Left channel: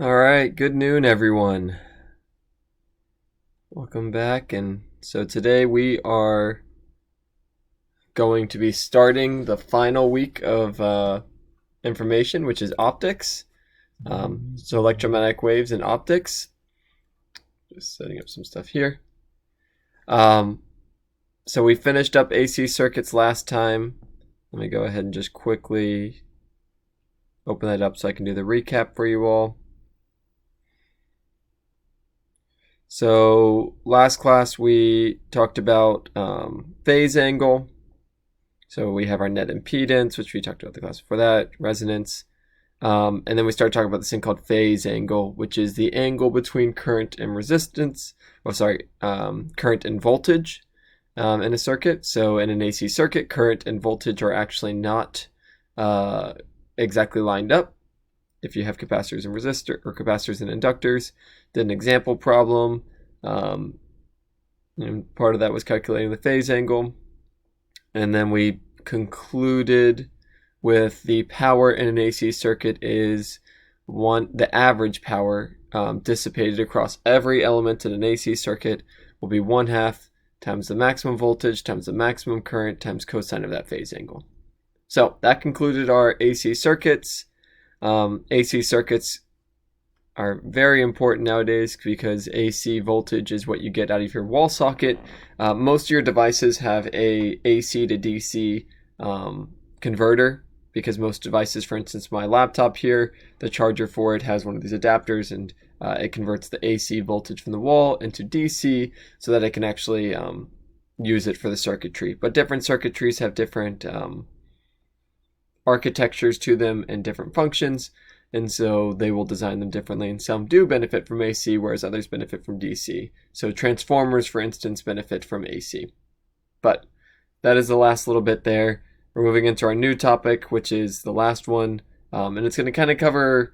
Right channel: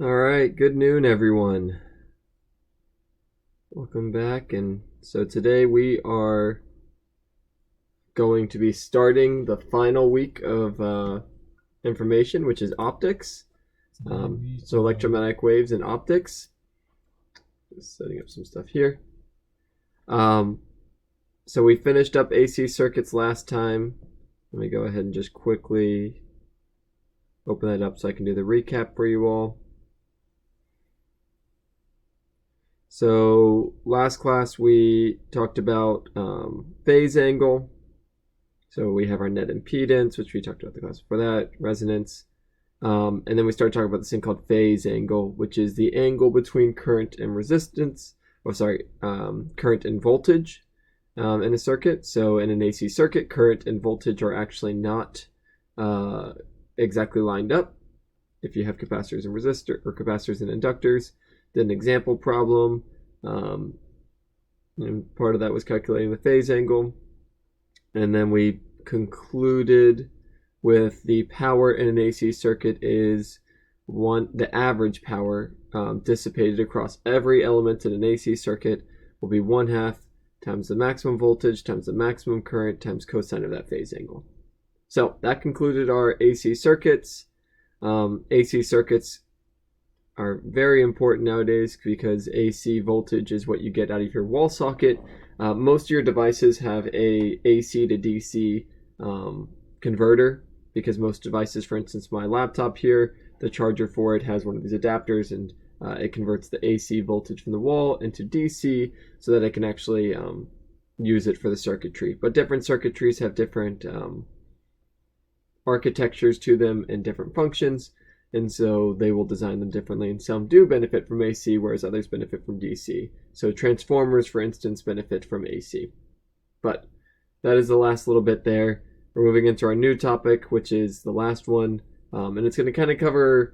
All right, good noon, everyone. Welcome back. And so today we are going to be starting the final week of information, which is optics. So electromagnetic waves and optics. Just setting up some stuff here. So we finished up AC circuits last time. Let me go ahead and just quickly open that up so I can do the recap for you all. So last class we talked about phase angle. So we have our net impedance, which we talked about the class before that, resonance. And then we started talking about this thing called phase angle, which is the angle between current and resistance. Current and voltage in a circuit. So in an AC circuit, current and voltage are actually not exactly lined up. If you have capacitors and capacitors and inductors, did an example problem. And part of that was calculating the phase angle. And then we concluded with the power in an AC circuit is the average power dissipated across every element in an AC circuit will be 1/2 times the maximum voltage times the maximum current times cosine of that phase angle. So that concluded our AC circuits. AC circuits are very important nowadays because AC voltage is what you get out of your wall socket. Most of your devices have a AC to DC converter, because most devices, for instance, my laptop here, the charger for it has one of these adapters, and it converts the AC voltage from the wall into DC so that it can actually use it for the circuitry. But different circuitries have different architectures to them and different functions, and so they will design them differently, and some do benefit from AC whereas others benefit from DC. So transformers, for instance, benefit from AC. But that is the last little bit there. We're moving into our new topic, which is the last one, and it's going to kind of cover,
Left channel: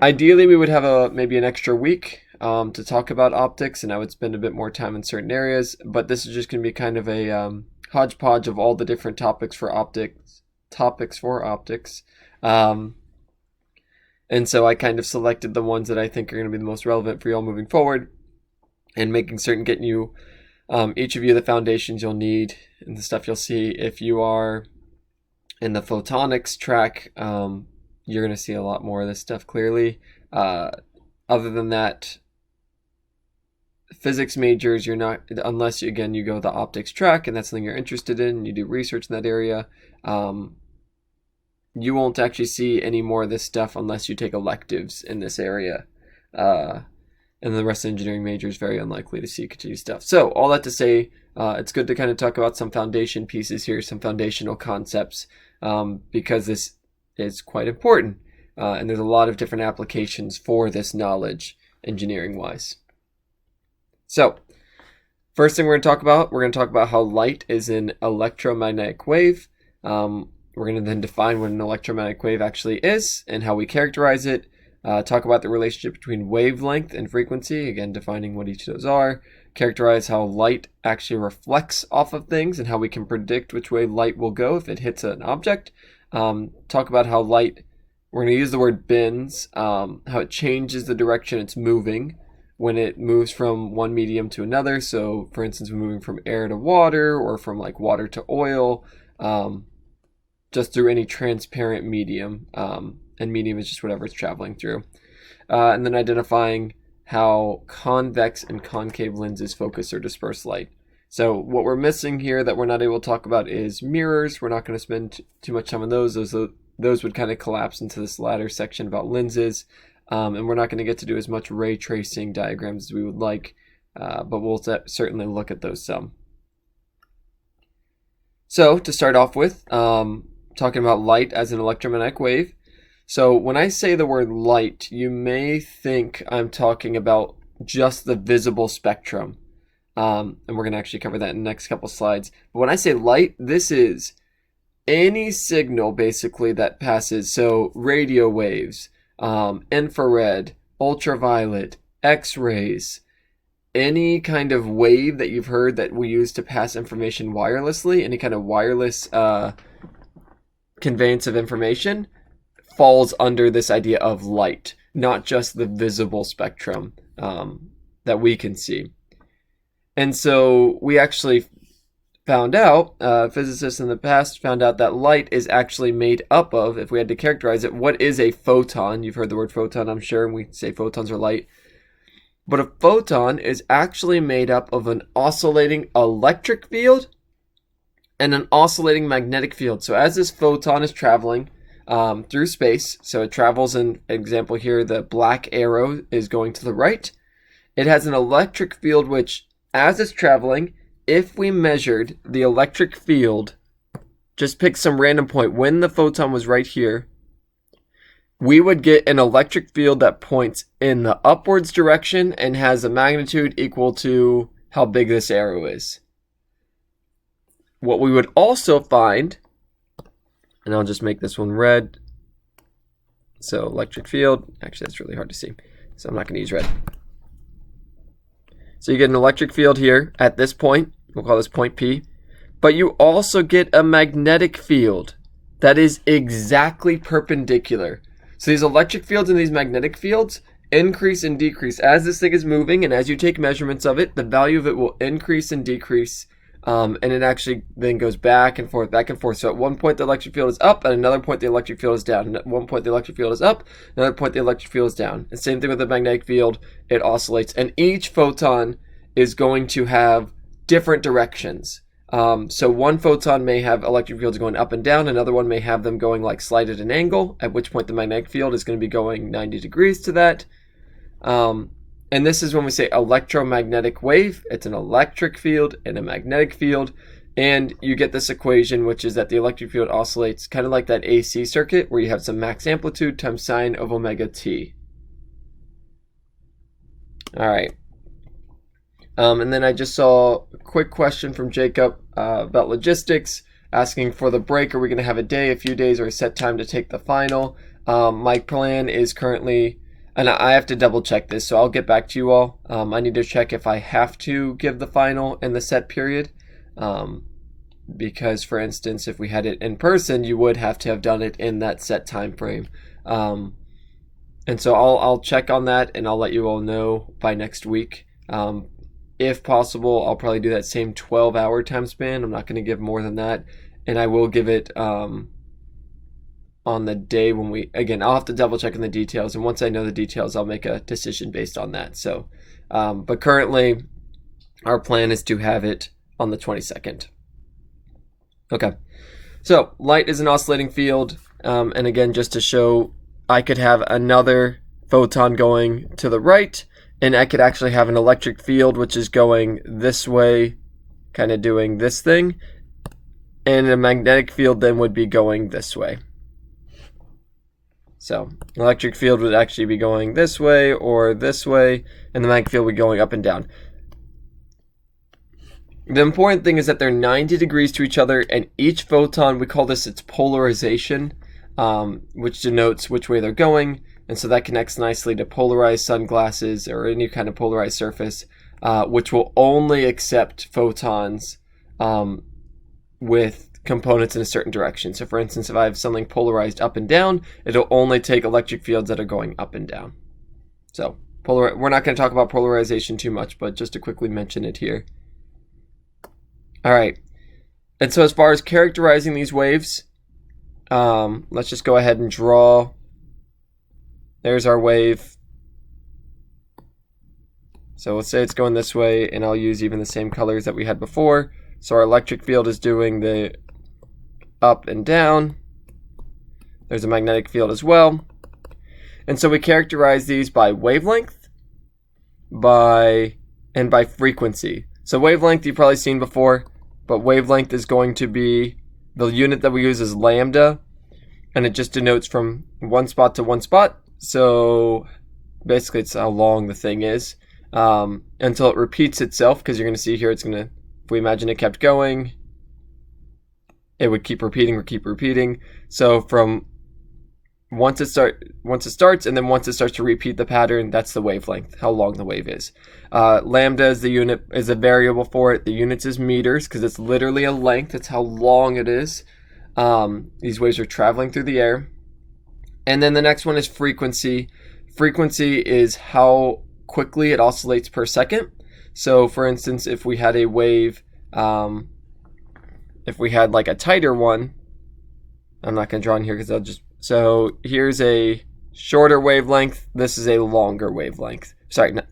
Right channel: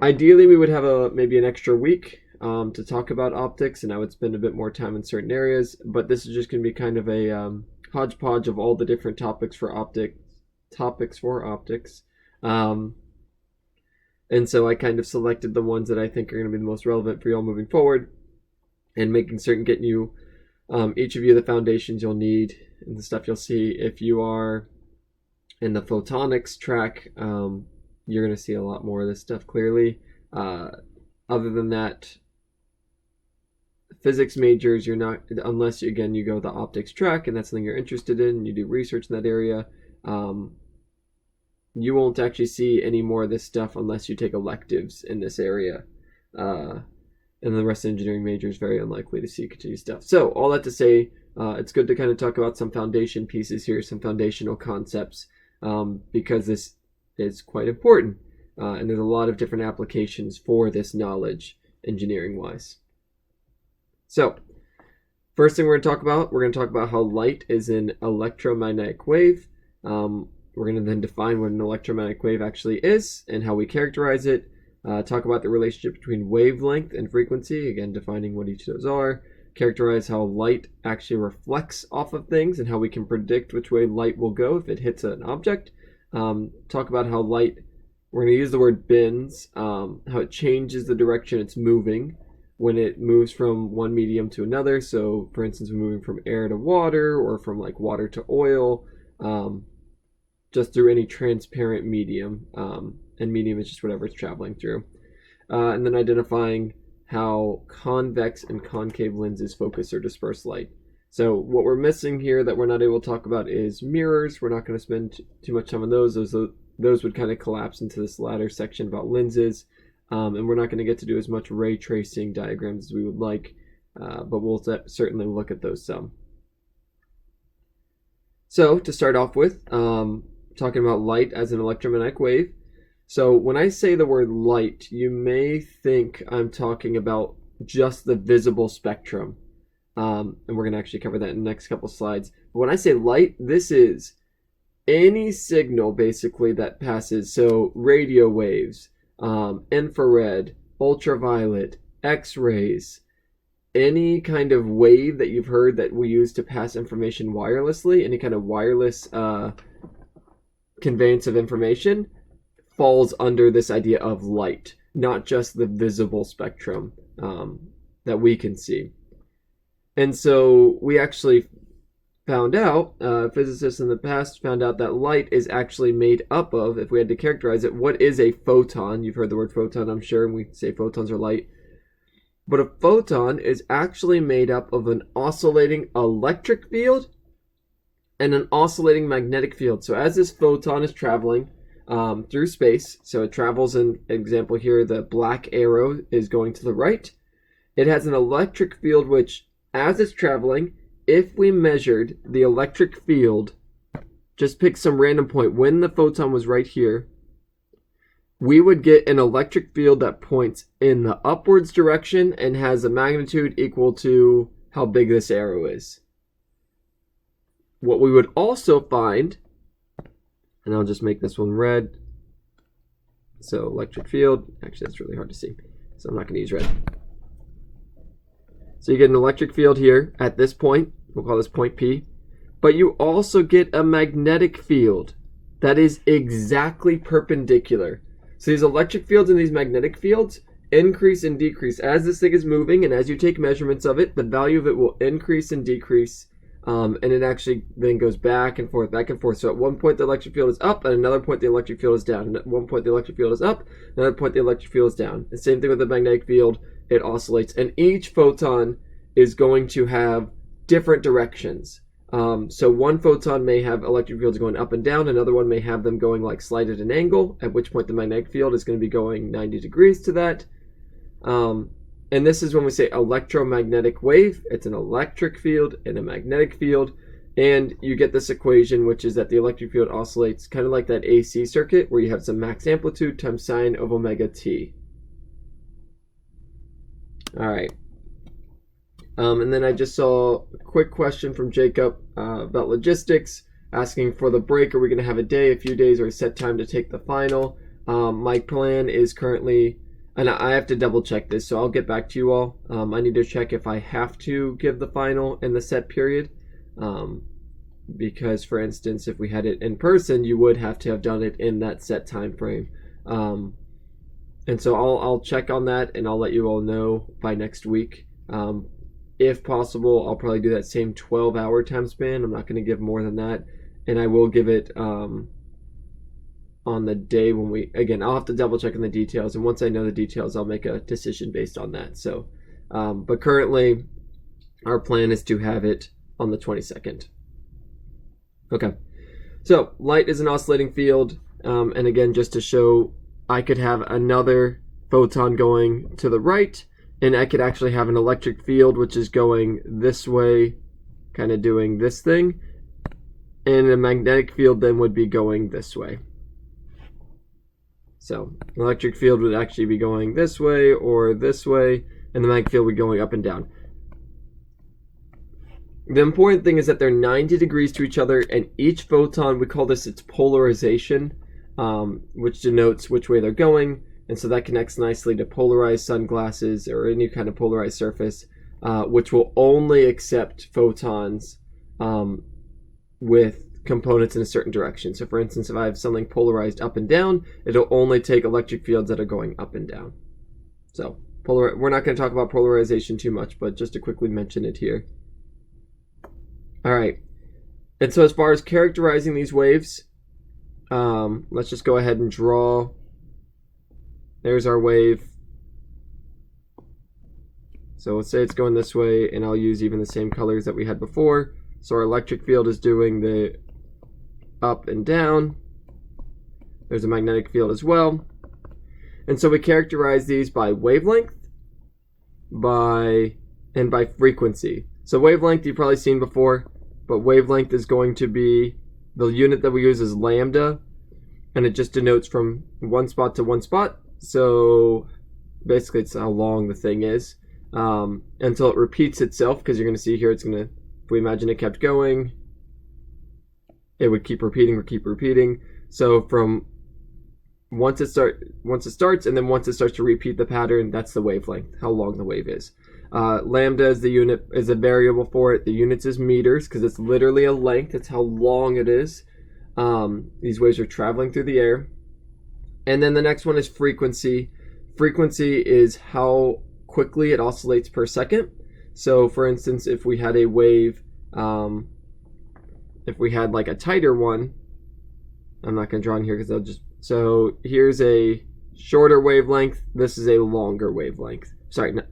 ideally we would have maybe an extra week to talk about optics, and I would spend a bit more time in certain areas, but this is just going to be kind of a hodgepodge of all the different topics for optics. And so I kind of selected the ones that I think are going to be the most relevant for you all moving forward, and making certain getting you, each of you, the foundations you'll need and the stuff you'll see. If you are in the photonics track, you're going to see a lot more of this stuff clearly. Other than that, physics majors, you're not, unless you go the optics track and that's something you're interested in and you do research in that area, you won't actually see any more of this stuff unless you take electives in this area. And the rest of engineering major is very unlikely to see continued stuff. So all that to say, it's good to kind of talk about some foundation pieces here, some foundational concepts, because this is quite important. And there's a lot of different applications for this knowledge engineering-wise. So first thing we're going to talk about how light is an electromagnetic wave. We're going to then define what an electromagnetic wave actually is and how we characterize it. Talk about the relationship between wavelength and frequency, again defining what each of those are. Characterize how light actually reflects off of things and how we can predict which way light will go if it hits an object. Talk about how light, we're going to use the word bends, how it changes the direction it's moving when it moves from one medium to another. So for instance, we're moving from air to water, or from like water to oil, just through any transparent medium, and medium is just whatever it's traveling through. And then identifying how convex and concave lenses focus or disperse light. So what we're missing here that we're not able to talk about is mirrors. We're not going to spend too much time on those. Those would kind of collapse into this latter section about lenses. And we're not going to get to do as much ray tracing diagrams as we would like, but we'll certainly look at those some. So to start off with, talking about light as an electromagnetic wave. So when I say the word light, you may think I'm talking about just the visible spectrum. And we're going to actually cover that in the next couple slides. But when I say light, this is any signal basically that passes. So radio waves, infrared, ultraviolet, X-rays, any kind of wave that you've heard that we use to pass information wirelessly, any kind of wireless conveyance of information, falls under this idea of light. not just the visible spectrum that we can see. And so we actually found out, physicists in the past found out that light is actually made up of, if we had to characterize it, what is a photon? You've heard the word photon, I'm sure, and we say photons are light. But a photon is actually made up of an oscillating electric field and an oscillating magnetic field. So as this photon is traveling through space, so it travels, in example here, the black arrow is going to the right. It has an electric field which, as it's traveling, if we measured the electric field, just pick some random point, when the photon was right here, we would get an electric field that points in the upwards direction and has a magnitude equal to how big this arrow is. What we would also find, and I'll just make this one red, so electric field, actually that's really hard to see, so I'm not going to use red. So you get an electric field here at this point, we'll call this point P, but you also get a magnetic field that is exactly perpendicular. So these electric fields and these magnetic fields increase and decrease. As this thing is moving and as you take measurements of it, the value of it will increase and decrease, and it actually then goes back and forth, back and forth. So at one point the electric field is up, at another point the electric field is down. And at one point the electric field is up, another point the electric field is down. The same thing with the magnetic field, it oscillates. And each photon is going to have different directions. So one photon may have electric fields going up and down, another one may have them going like slight at an angle, at which point the magnetic field is going to be going 90 degrees to that. And this is when we say electromagnetic wave. It's an electric field and a magnetic field. And you get this equation, which is that the electric field oscillates kind of like that AC circuit, where you have some max amplitude times sine of omega t. All right. And then I just saw a quick question from Jacob about logistics, asking for the break. Are we going to have a day, a few days, or a set time to take the final? My plan is currently, and I have to double check this, so I'll get back to you all. I need to check if I have to give the final in the set period. Because, for instance, if we had it in person, you would have to have done it in that set time frame. And so I'll check on that, and I'll let you all know by next week. If possible, I'll probably do that same 12-hour time span. I'm not going to give more than that. And I will give it on the day when we, again, I'll have to double check on the details. And once I know the details, I'll make a decision based on that. So, but currently, our plan is to have it on the 22nd. Okay. So, light is an oscillating field. And again, just to show, I could have another photon going to the right, and I could actually have an electric field which is going this way, kind of doing this thing, and a magnetic field then would be going this way. So electric field would actually be going this way or this way, and the magnetic field would be going up and down. The important thing is that they're 90 degrees to each other, and each photon, we call this its polarization, which denotes which way they're going. And so that connects nicely to polarized sunglasses or any kind of polarized surface, which will only accept photons with components in a certain direction. So for instance, if I have something polarized up and down, it'll only take electric fields that are going up and down. So we're not going to talk about polarization too much, but just to quickly mention it here. All right. And so as far as characterizing these waves, let's just go ahead and draw. There's our wave. So let's say it's going this way, and I'll use even the same colors that we had before. So our electric field is doing the up and down. There's a magnetic field as well. And so we characterize these by wavelength, by frequency. So wavelength you've probably seen before, but wavelength is going to be, the unit that we use is lambda, and it just denotes from one spot to one spot. So basically it's how long the thing is until it repeats itself, because you're going to see here it's going to, if we imagine it kept going, it would keep repeating. So from once it starts and then once it starts to repeat the pattern, that's the wavelength, how long the wave is. Lambda is the unit, is a variable for it. The units is meters because it's literally a length. It's how long it is. These waves are traveling through the air. And then the next one is frequency. frequency is how quickly it oscillates per second. So for instance, if we had a wave, if we had like a tighter one, I'm not going to draw in here because I'll just, so here's a shorter wavelength, this is a longer wavelength. Sorry, no,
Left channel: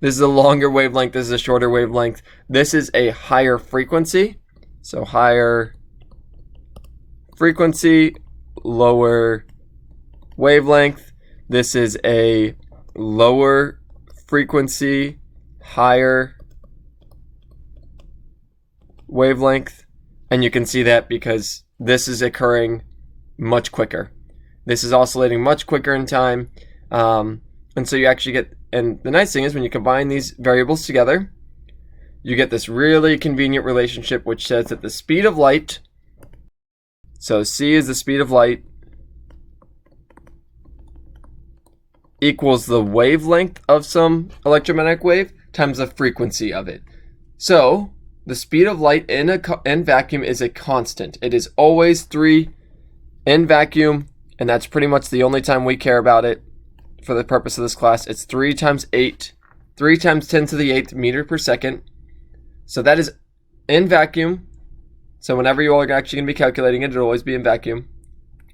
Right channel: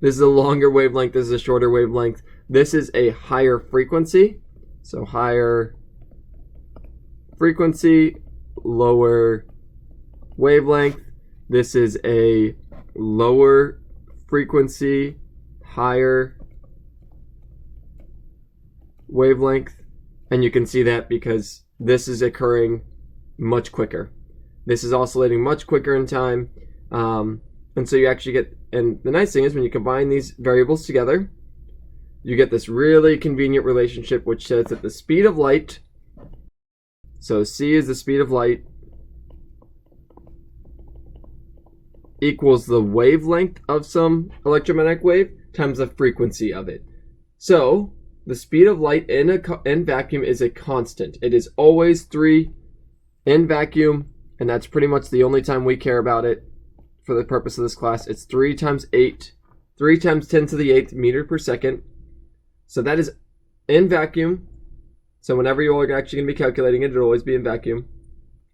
this is a longer wavelength, this is a shorter wavelength. This is a higher frequency, so higher frequency, lower wavelength. This is a lower frequency, higher wavelength. And you can see that because this is occurring much quicker. This is oscillating much quicker in time. And so you actually get, and the nice thing is when you combine these variables together, you get this really convenient relationship which says that the speed of light, so c is the speed of light, equals the wavelength of some electromagnetic wave times the frequency of it. So the speed of light in vacuum is a constant. It is always 3 in vacuum, and that's pretty much the only time we care about it for the purpose of this class. It's 3 times 10 to the 8th meter per second. So that is in vacuum. So whenever you are actually going to be calculating it, it'll always be in vacuum.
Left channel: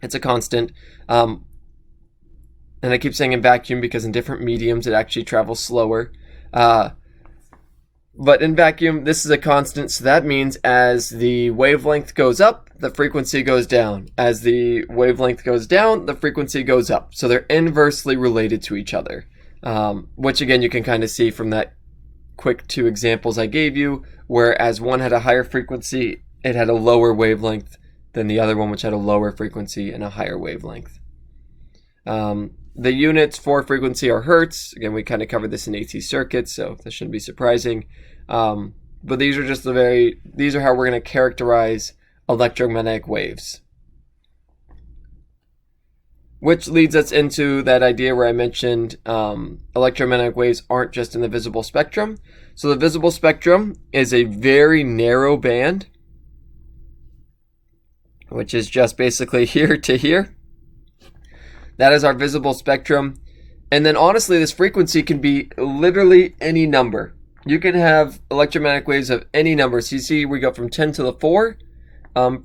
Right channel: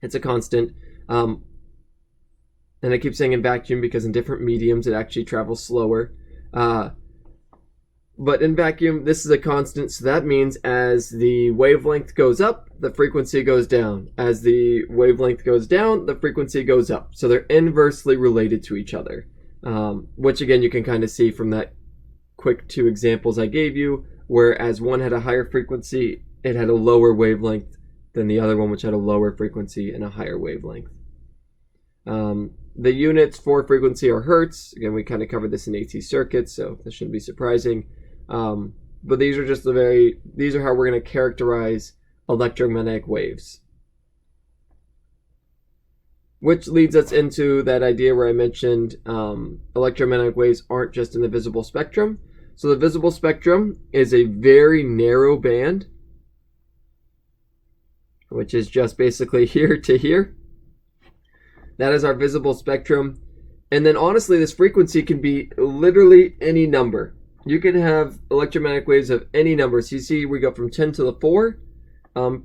It's a constant. And I keep saying in vacuum because in different mediums it actually travels slower. But in vacuum, this is a constant, so that means as the wavelength goes up, the frequency goes down. As the wavelength goes down, the frequency goes up. So they're inversely related to each other, which again you can kind of see from that quick 2 examples I gave you, whereas one had a higher frequency, it had a lower wavelength than the other one, which had a lower frequency and a higher wavelength. The units for frequency are hertz. Again, we kind of covered this in AC circuits, so this shouldn't be surprising. But these are just these are how we're going to characterize electromagnetic waves. Which leads us into that idea where I mentioned electromagnetic waves aren't just in the visible spectrum. So the visible spectrum is a very narrow band, which is just basically here to here. That is our visible spectrum. And then honestly, this frequency can be literally any number. You can have electromagnetic waves of any number. So you see we go from 10 to the 4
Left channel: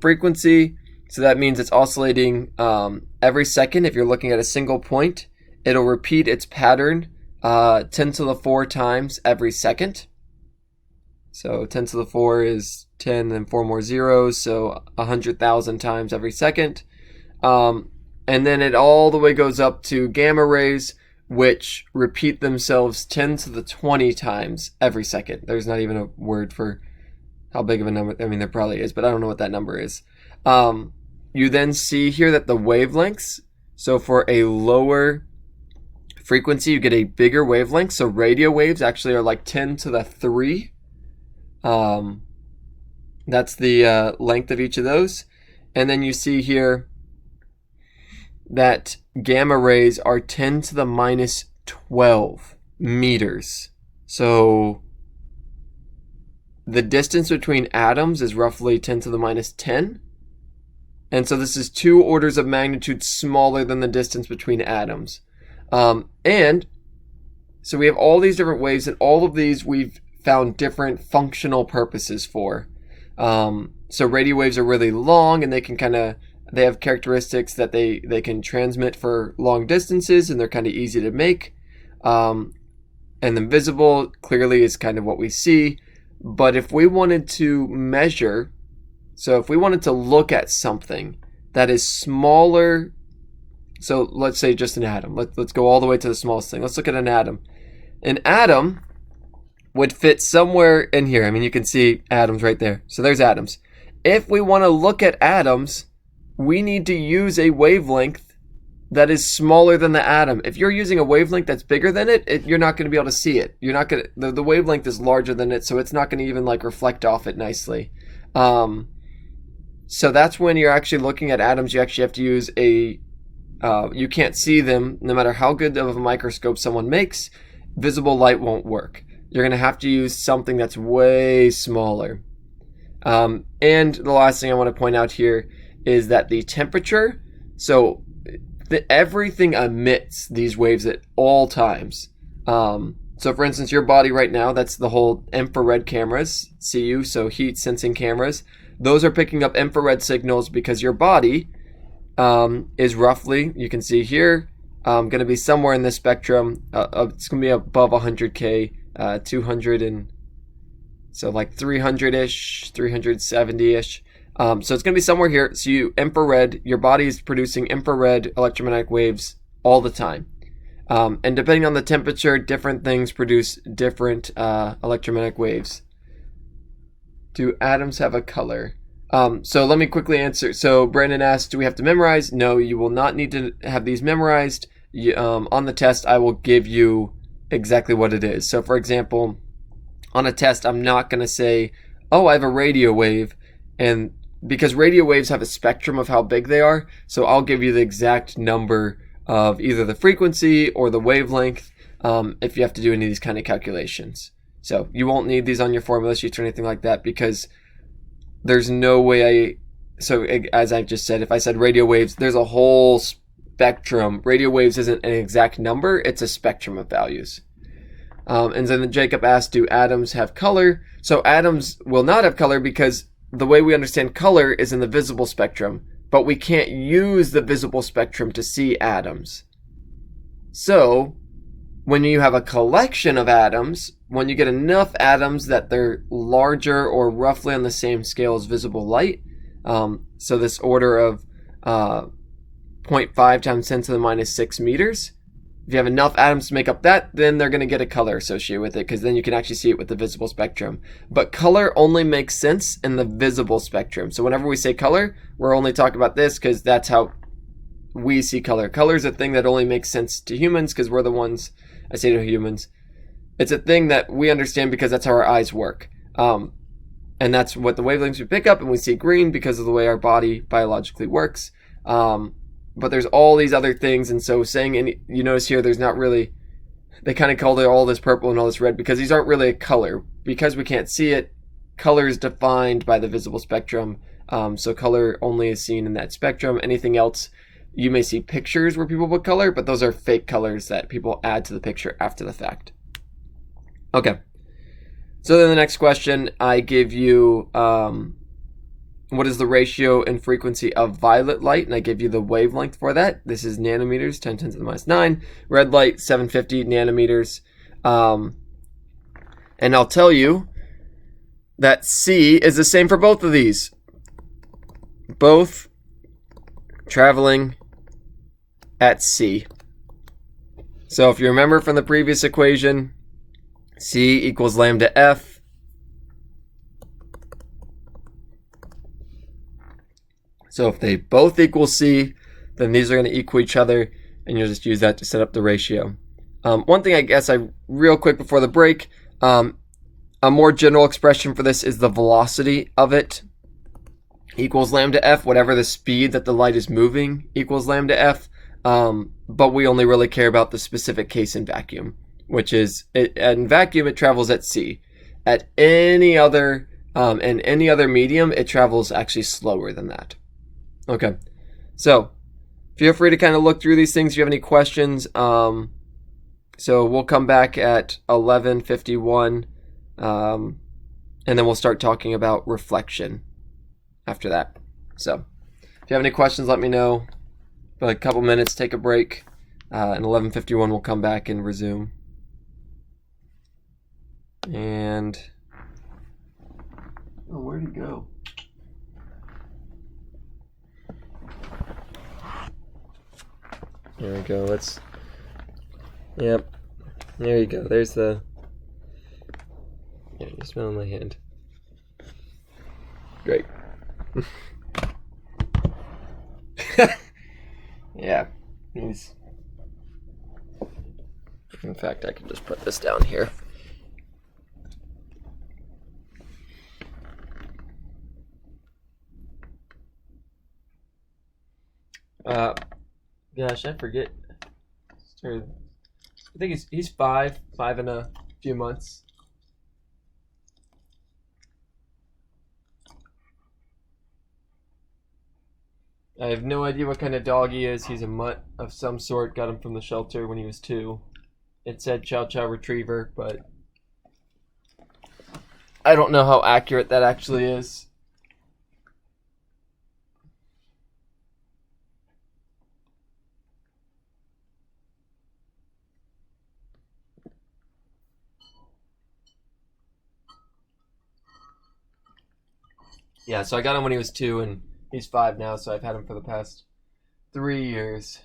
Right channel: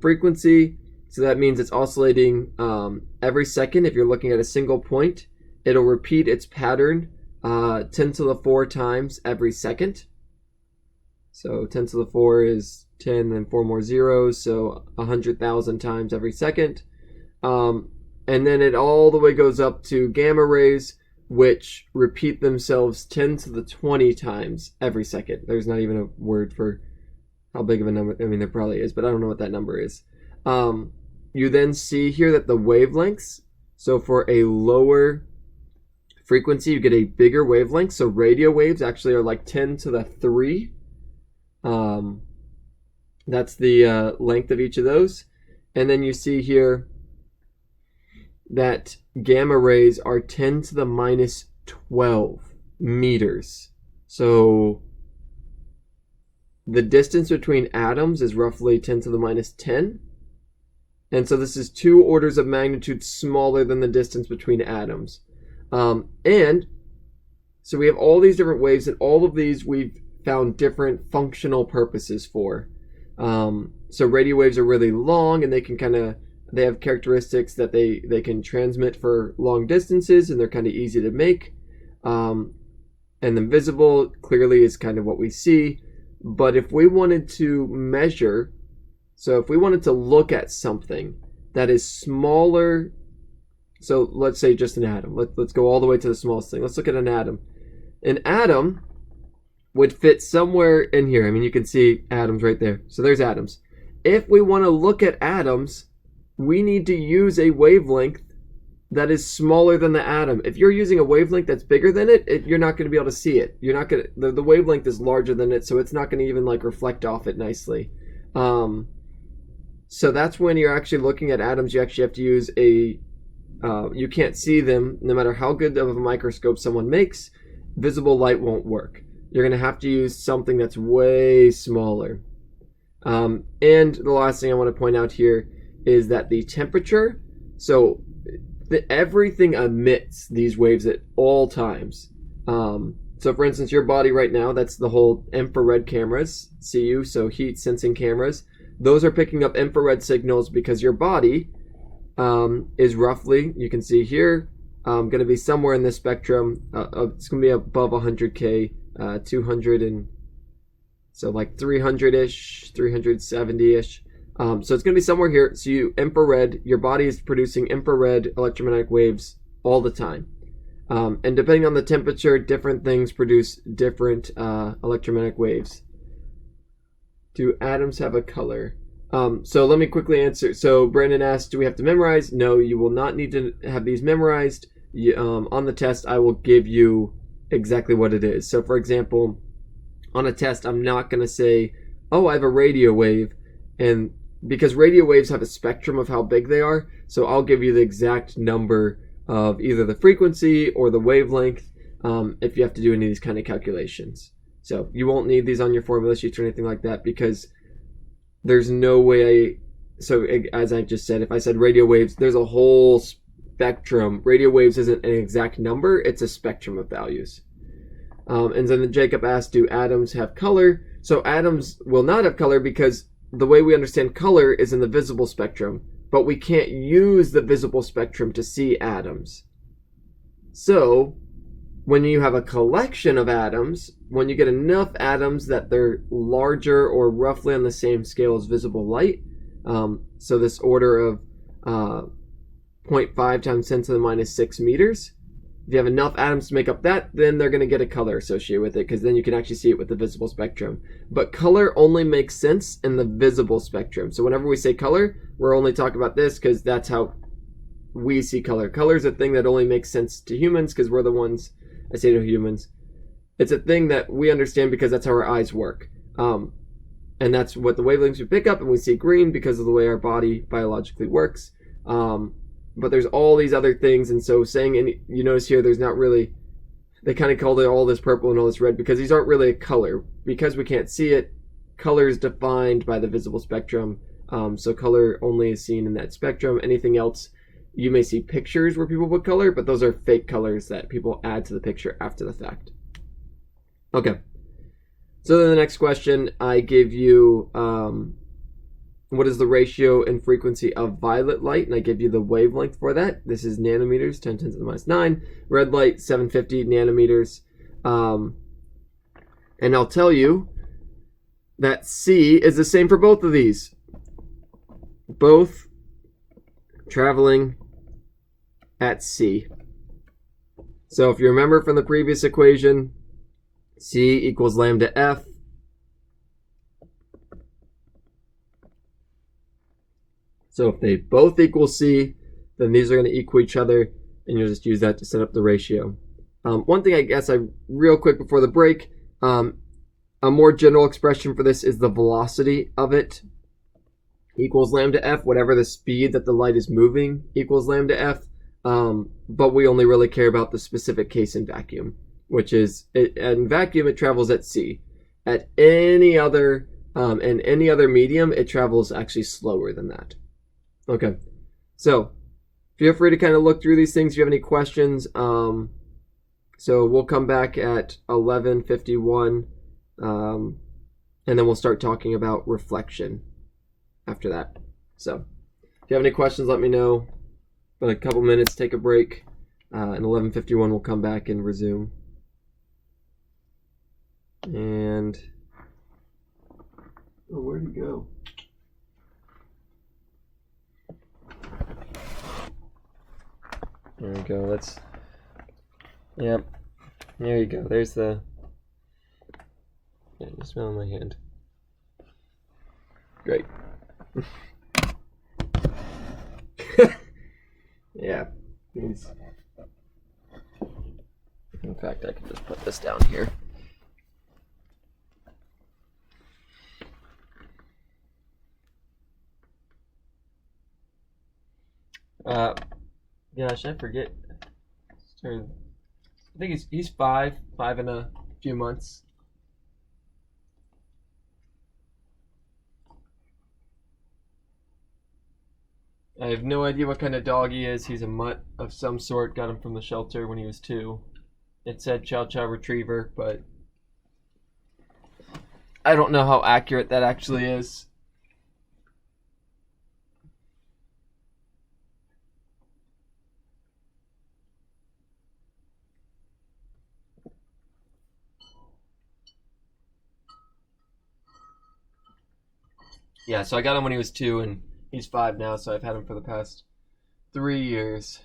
frequency. So that means it's oscillating every second. If you're looking at a single point, it'll repeat its pattern 10 to the 4 times every second. So 10 to the 4 is 10 and 4 more zeros, so 100,000 times every second. And then it all the way goes up to gamma rays, which repeat themselves 10 to the 20 times every second. There's not even a word for how big of a number. I mean, there probably is, but I don't know what that number is. You then see here that the wavelengths, so for a lower frequency, you get a bigger wavelength. So radio waves actually are like 10 to the 3. That's the length of each of those. And then you see here that gamma rays are 10 to the minus 12 meters. So the distance between atoms is roughly 10 to the minus 10. And so this is 2 orders of magnitude smaller than the distance between atoms. And so we have all these different waves, and all of these we've found different functional purposes for. So radio waves are really long, and they have characteristics that they can transmit for long distances, and they're kind of easy to make. And then visible clearly is kind of what we see. But if we wanted to measure, so if we wanted to look at something that is smaller, so let's say just an atom. Let's go all the way to the smallest thing. Let's look at an atom. An atom would fit somewhere in here. I mean, you can see atoms right there. So there's atoms. If we want to look at atoms, we need to use a wavelength that is smaller than the atom. If you're using a wavelength that's bigger than it, you're not going to be able to see it. You're not going to, the wavelength is larger than it, so it's not going to even like reflect off it nicely. So that's when you're actually looking at atoms, you actually have to use you can't see them no matter how good of a microscope someone makes. Visible light won't work. You're going to have to use something that's way smaller. And the last thing I want to point out here is that the temperature, so everything emits these waves at all times. So for instance, your body right now, that's the whole infrared cameras, CU, so heat sensing cameras. Those are picking up infrared signals because your body is roughly, you can see here, going to be somewhere in this spectrum. It's going to be above 100K, 200 and so like 300-ish, 370-ish. So it's going to be somewhere here. So your body is producing infrared electromagnetic waves all the time. And depending on the temperature, different things produce different electromagnetic waves. Do atoms have a color? So let me quickly answer. So Brandon asked, do we have to memorize? No, you will not need to have these memorized. On the test, I will give you exactly what it is. So for example, on a test, I'm not going to say, oh, I have a radio wave, and because radio waves have a spectrum of how big they are, so I'll give you the exact number of either the frequency or the wavelength if you have to do any of these kind of calculations. So you won't need these on your formula sheets or anything like that, because there's no way so as I just said, if I said radio waves, there's a whole spectrum. Radio waves isn't an exact number, it's a spectrum of values. And then Jacob asked, do atoms have color? So atoms will not have color because the way we understand color is in the visible spectrum, but we can't use the visible spectrum to see atoms. So when you have a collection of atoms, when you get enough atoms that they're larger or roughly on the same scale as visible light, so this order of 0.5 times 10 to the minus 6 meters, if you have enough atoms to make up that, then they're going to get a color associated with it, because then you can actually see it with the visible spectrum. But color only makes sense in the visible spectrum. So whenever we say color, we're only talking about this because that's how we see color. Color is a thing that only makes sense to humans because we're the ones, I say to humans, it's a thing that we understand because that's how our eyes work. And that's what the wavelengths we pick up, and we see green because of the way our body biologically works. But there's all these other things, and so saying, and you notice here there's not really, they kind of called it all this purple and all this red because these aren't really a color. Because we can't see it, color is defined by the visible spectrum, so color only is seen in that spectrum. Anything else, you may see pictures where people put color, but those are fake colors that people add to the picture after the fact. Okay, so then the next question, I give you, what is the ratio and frequency of violet light? And I give you the wavelength for that. This is nanometers, 10 to the minus 9. Red light, 750 nanometers. And I'll tell you that C is the same for both of these. Both traveling at C. So if you remember from the previous equation, C equals lambda F. So if they both equal C, then these are going to equal each other, and you'll just use that to set up the ratio. One thing I guess real quick before the break, a more general expression for this is the velocity of it equals lambda F, whatever the speed that the light is moving equals lambda F, but we only really care about the specific case in vacuum, which is, in vacuum it travels at C. At any other, in any other medium, it travels actually slower than that. Okay, so feel free to kind of look through these things if you have any questions. So we'll come back at 11:51, and then we'll start talking about reflection after that. So if you have any questions, let me know. For like a couple minutes, take a break, and 11:51 we'll come back and resume. And oh, where'd he go? There we go. Yep. There you go. There's the. Yeah, you smell my hand. Great. Yeah. In fact, I can just put this down here. Gosh, I forget. I think he's five in a few months. I have no idea what kind of dog he is. He's a mutt of some sort. Got him from the shelter when he was 2. It said Chow Chow Retriever, but I don't know how accurate that actually is. Yeah, so I got him when he was 2, and he's 5 now, so I've had him for the past 3 years.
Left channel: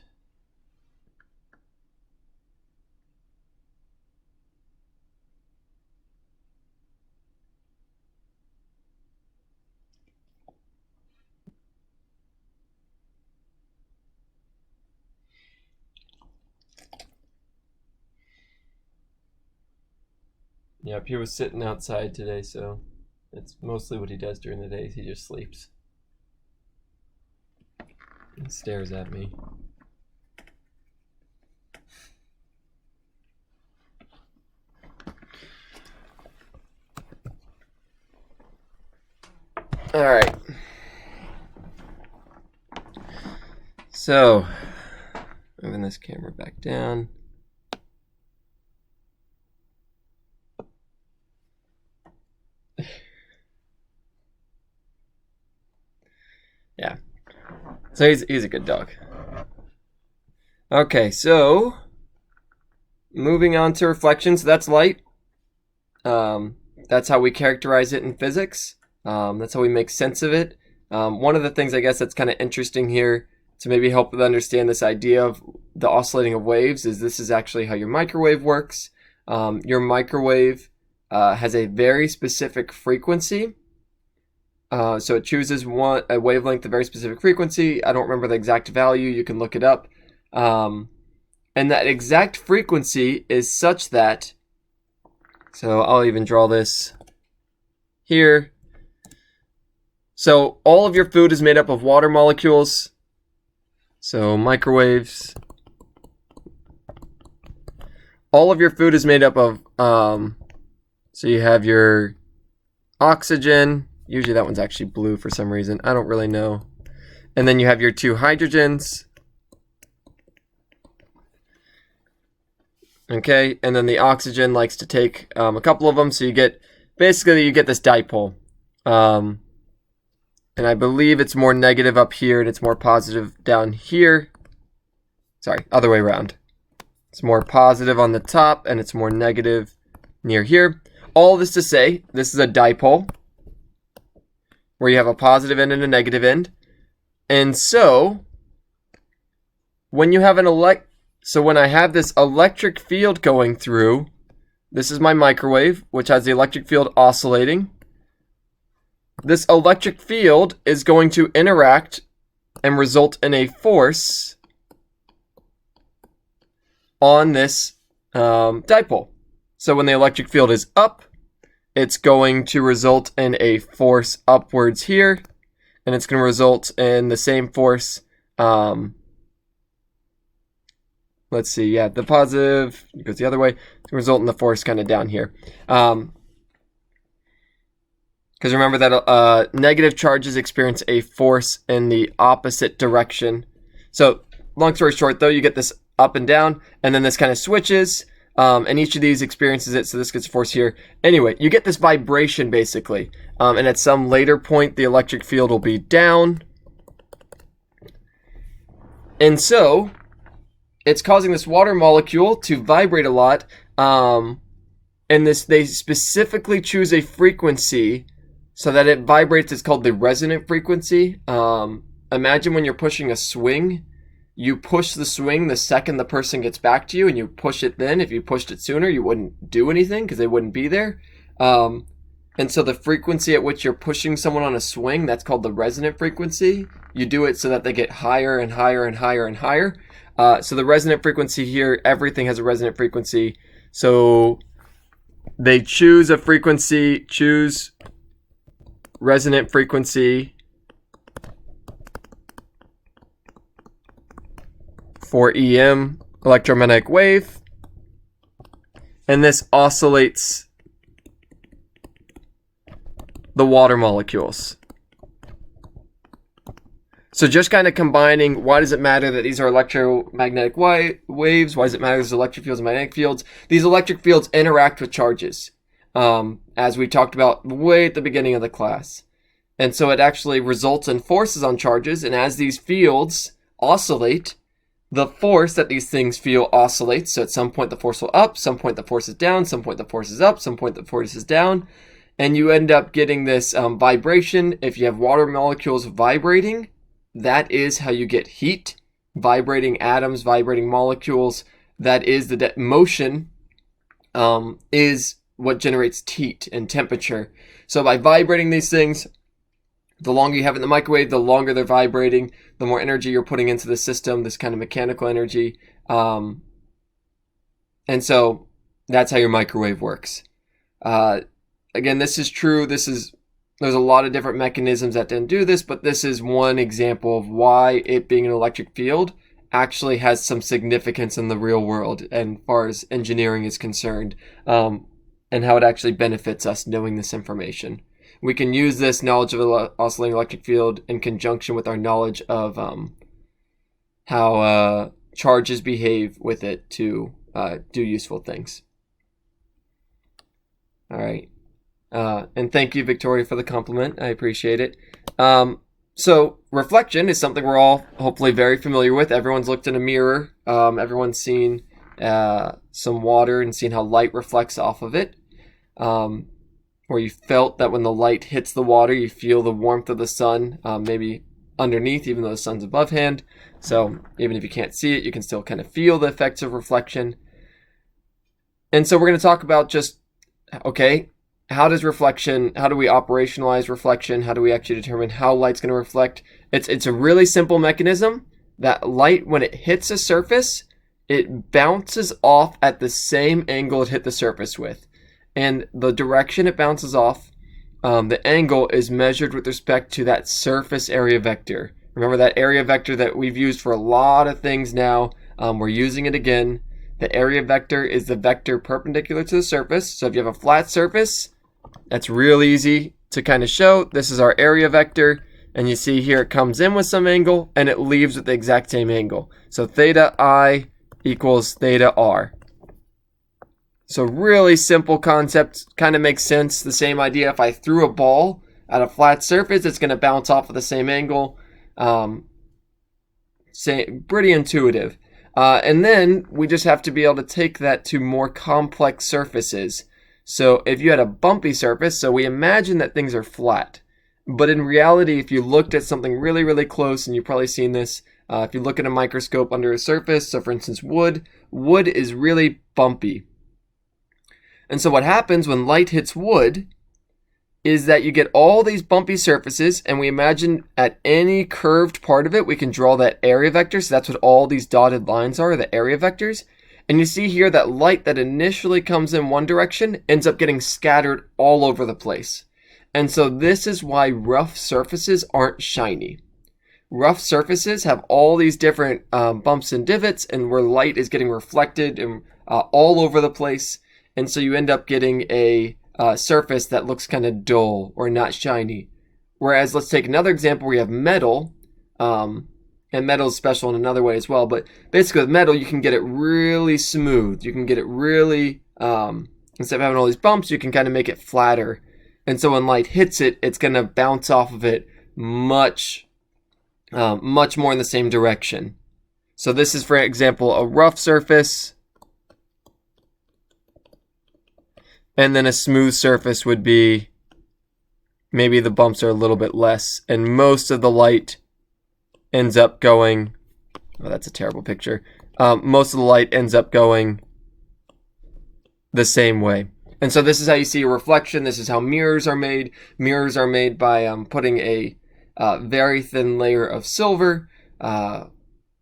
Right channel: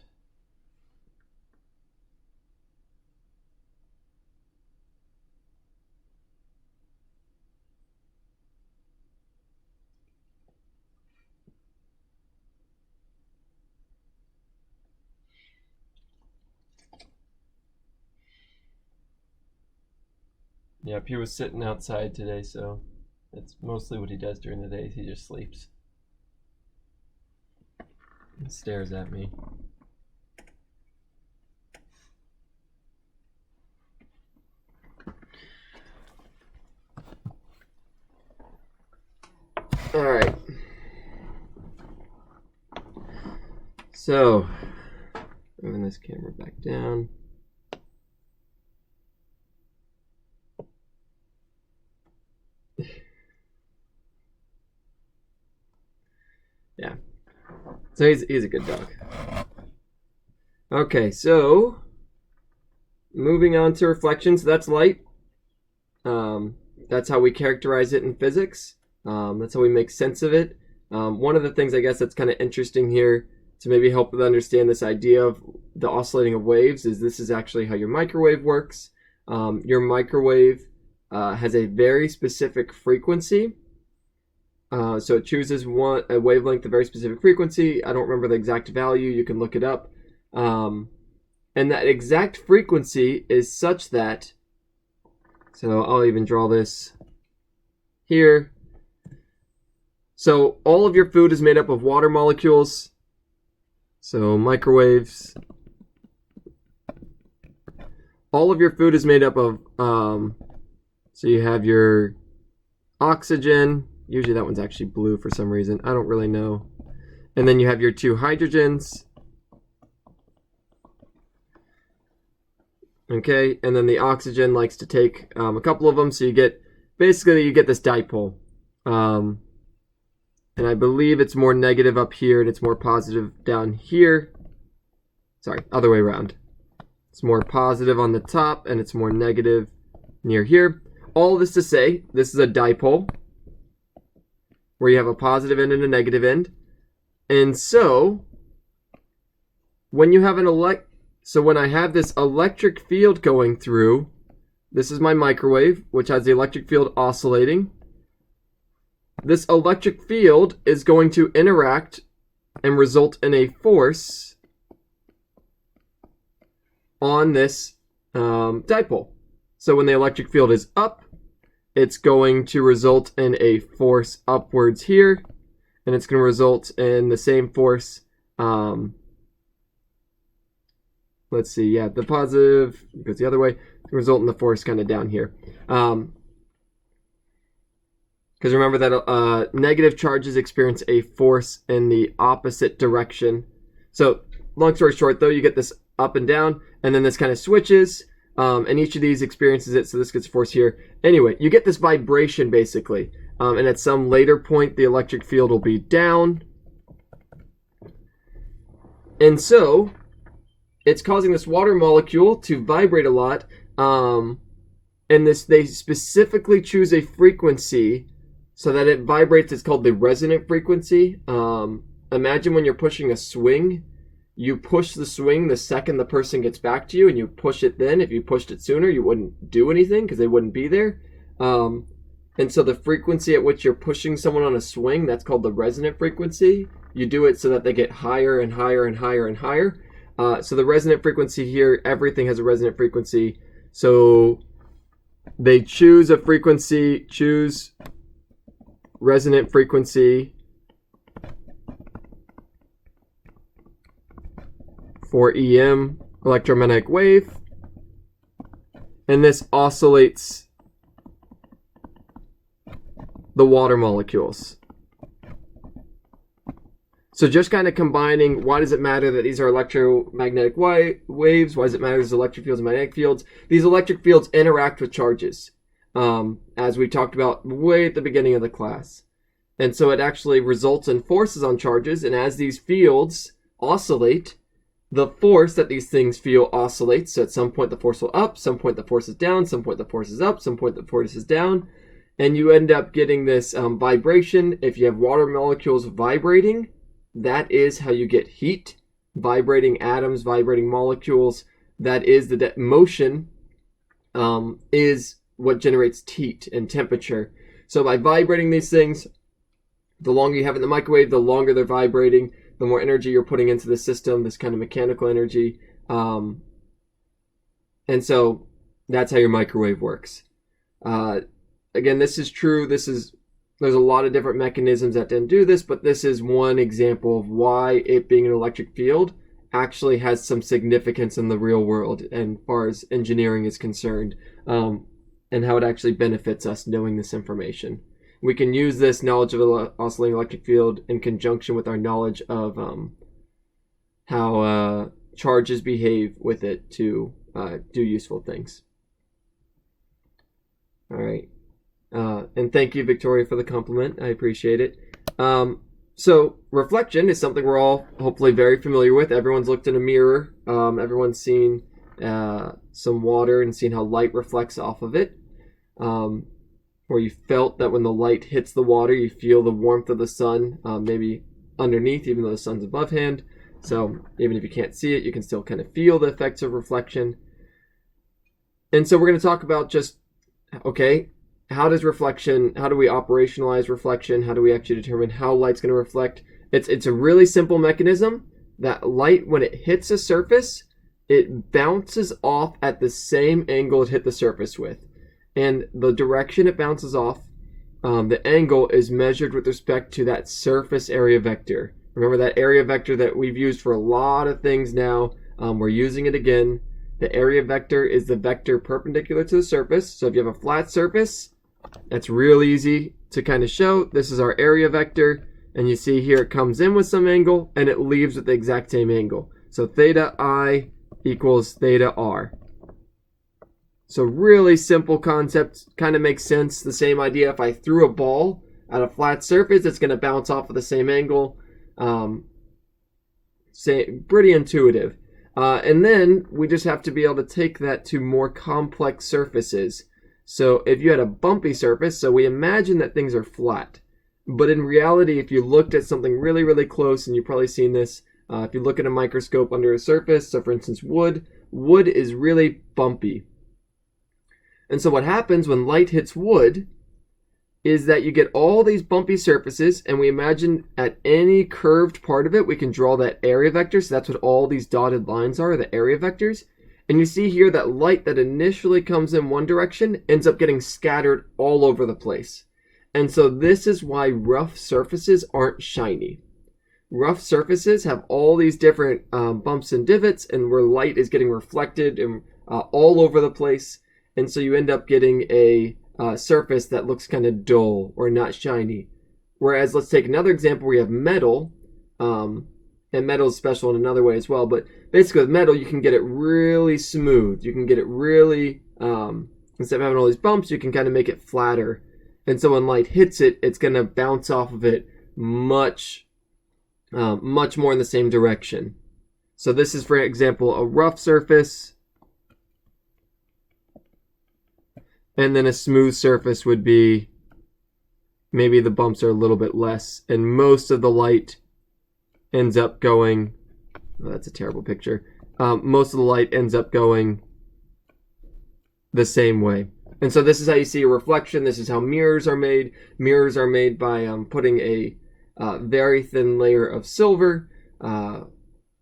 Yep, he was sitting outside today, so it's mostly what he does during the day. He just sleeps and stares at me. All right. So, moving this camera back down. Yeah. So he's a good dog. Okay, so moving on to reflections. That's light. That's how we characterize it in physics. That's how we make sense of it. One of the things I guess that's kind of interesting here to maybe help understand this idea of the oscillating of waves is this is actually how your microwave works. Your microwave has a very specific frequency. So it chooses a wavelength, a very specific frequency. I don't remember the exact value. You can look it up. And that exact frequency is such that, so I'll even draw this here. So all of your food is made up of water molecules. So microwaves. All of your food is made up of, so you have your oxygen. Usually that one's actually blue for some reason. I don't really know. And then you have your 2 hydrogens. Okay, and then the oxygen likes to take a couple of them, so you get this dipole. And I believe it's more negative up here and it's more positive down here. Sorry, other way around. It's more positive on the top and it's more negative near here. All this to say, this is a dipole where you have a positive end and a negative end. And so when you have when I have this electric field going through, this is my microwave, which has the electric field oscillating. This electric field is going to interact and result in a force on this dipole. So when the electric field is up, it's going to result in a force upwards here, and it's going to result in the same force. Let's see, yeah, the positive goes the other way. It's going to result in the force kind of down here. Because remember that negative charges experience a force in the opposite direction. So long story short, though, you get this up and down, and then this kind of switches. And each of these experiences it, so this gets force here. Anyway, you get this vibration basically. And at some later point, the electric field will be down. And so, it's causing this water molecule to vibrate a lot. And they specifically choose a frequency so that it vibrates. It's called the resonant frequency. Imagine when you're pushing a swing. You push the swing the second the person gets back to you, and you push it then. If you pushed it sooner, you wouldn't do anything because they wouldn't be there. And so the frequency at which you're pushing someone on a swing, that's called the resonant frequency. You do it so that they get higher and higher and higher and higher. So the resonant frequency here, everything has a resonant frequency. So they choose a frequency, choose resonant frequency for EM, electromagnetic wave, and this oscillates the water molecules. So just kind of combining, why does it matter that these are electromagnetic waves? Why does it matter there's electric fields and magnetic fields? These electric fields interact with charges, as we talked about way at the beginning of the class. And so it actually results in forces on charges, and as these fields oscillate, the force that these things feel oscillates. So at some point the force will up, some point the force is down, some point the force is up, some point the force is down, and you end up getting this vibration. If you have water molecules vibrating, that is how you get heat. Vibrating atoms, vibrating molecules, that is the motion is what generates heat and temperature. So by vibrating these things, the longer you have it in the microwave, the longer they're vibrating, the more energy you're putting into the system, this kind of mechanical energy. And so that's how your microwave works. Again, this is true. There's a lot of different mechanisms that didn't do this, but this is one example of why it being an electric field actually has some significance in the real world and as far as engineering is concerned, and how it actually benefits us knowing this information. We can use this knowledge of an oscillating electric field in conjunction with our knowledge of how charges behave with it to do useful things. All right. And thank you, Victoria, for the compliment. I appreciate it. So reflection is something we're all hopefully very familiar with. Everyone's looked in a mirror. Everyone's seen some water and seen how light reflects off of it. Where you felt that when the light hits the water, you feel the warmth of the sun, maybe underneath, even though the sun's above hand. So even if you can't see it, you can still kind of feel the effects of reflection. And so we're going to talk about just, okay, how do we operationalize reflection? How do we actually determine how light's going to reflect? It's a really simple mechanism that light, when it hits a surface, it bounces off at the same angle it hit the surface with. And the direction it bounces off, the angle is measured with respect to that surface area vector. Remember that area vector that we've used for a lot of things now. We're using it again. The area vector is the vector perpendicular to the surface. So if you have a flat surface, that's real easy to kind of show. This is our area vector. And you see here it comes in with some angle and it leaves with the exact same angle. So theta I equals theta R. So really simple concept, kind of makes sense. The same idea, if I threw a ball at a flat surface, it's going to bounce off at the same angle. Pretty intuitive. And then we just have to be able to take that to more complex surfaces. So if you had a bumpy surface, so we imagine that things are flat. But in reality, if you looked at something really, really close, and you've probably seen this, if you look at a microscope under a surface, so for instance wood is really bumpy. And so what happens when light hits wood is that you get all these bumpy surfaces, and we imagine at any curved part of it, we can draw that area vector. So that's what all these dotted lines are, the area vectors. And you see here that light that initially comes in one direction ends up getting scattered all over the place. And so this is why rough surfaces aren't shiny. Rough surfaces have all these different bumps and divots, and where light is getting reflected and all over the place. And so you end up getting a surface that looks kind of dull or not shiny. Whereas let's take another example where you have metal, and metal is special in another way as well. But basically with metal, you can get it really smooth. You can get it really, instead of having all these bumps, you can kind of make it flatter. And so when light hits it, it's going to bounce off of it much more in the same direction. So this is, for example, a rough surface. And then a smooth surface would be, maybe the bumps are a little bit less. And most of the light ends up going, oh, that's a terrible picture. Most of the light ends up going the same way. And so this is how you see a reflection. This is how mirrors are made. Mirrors are made by putting a very thin layer of silver. And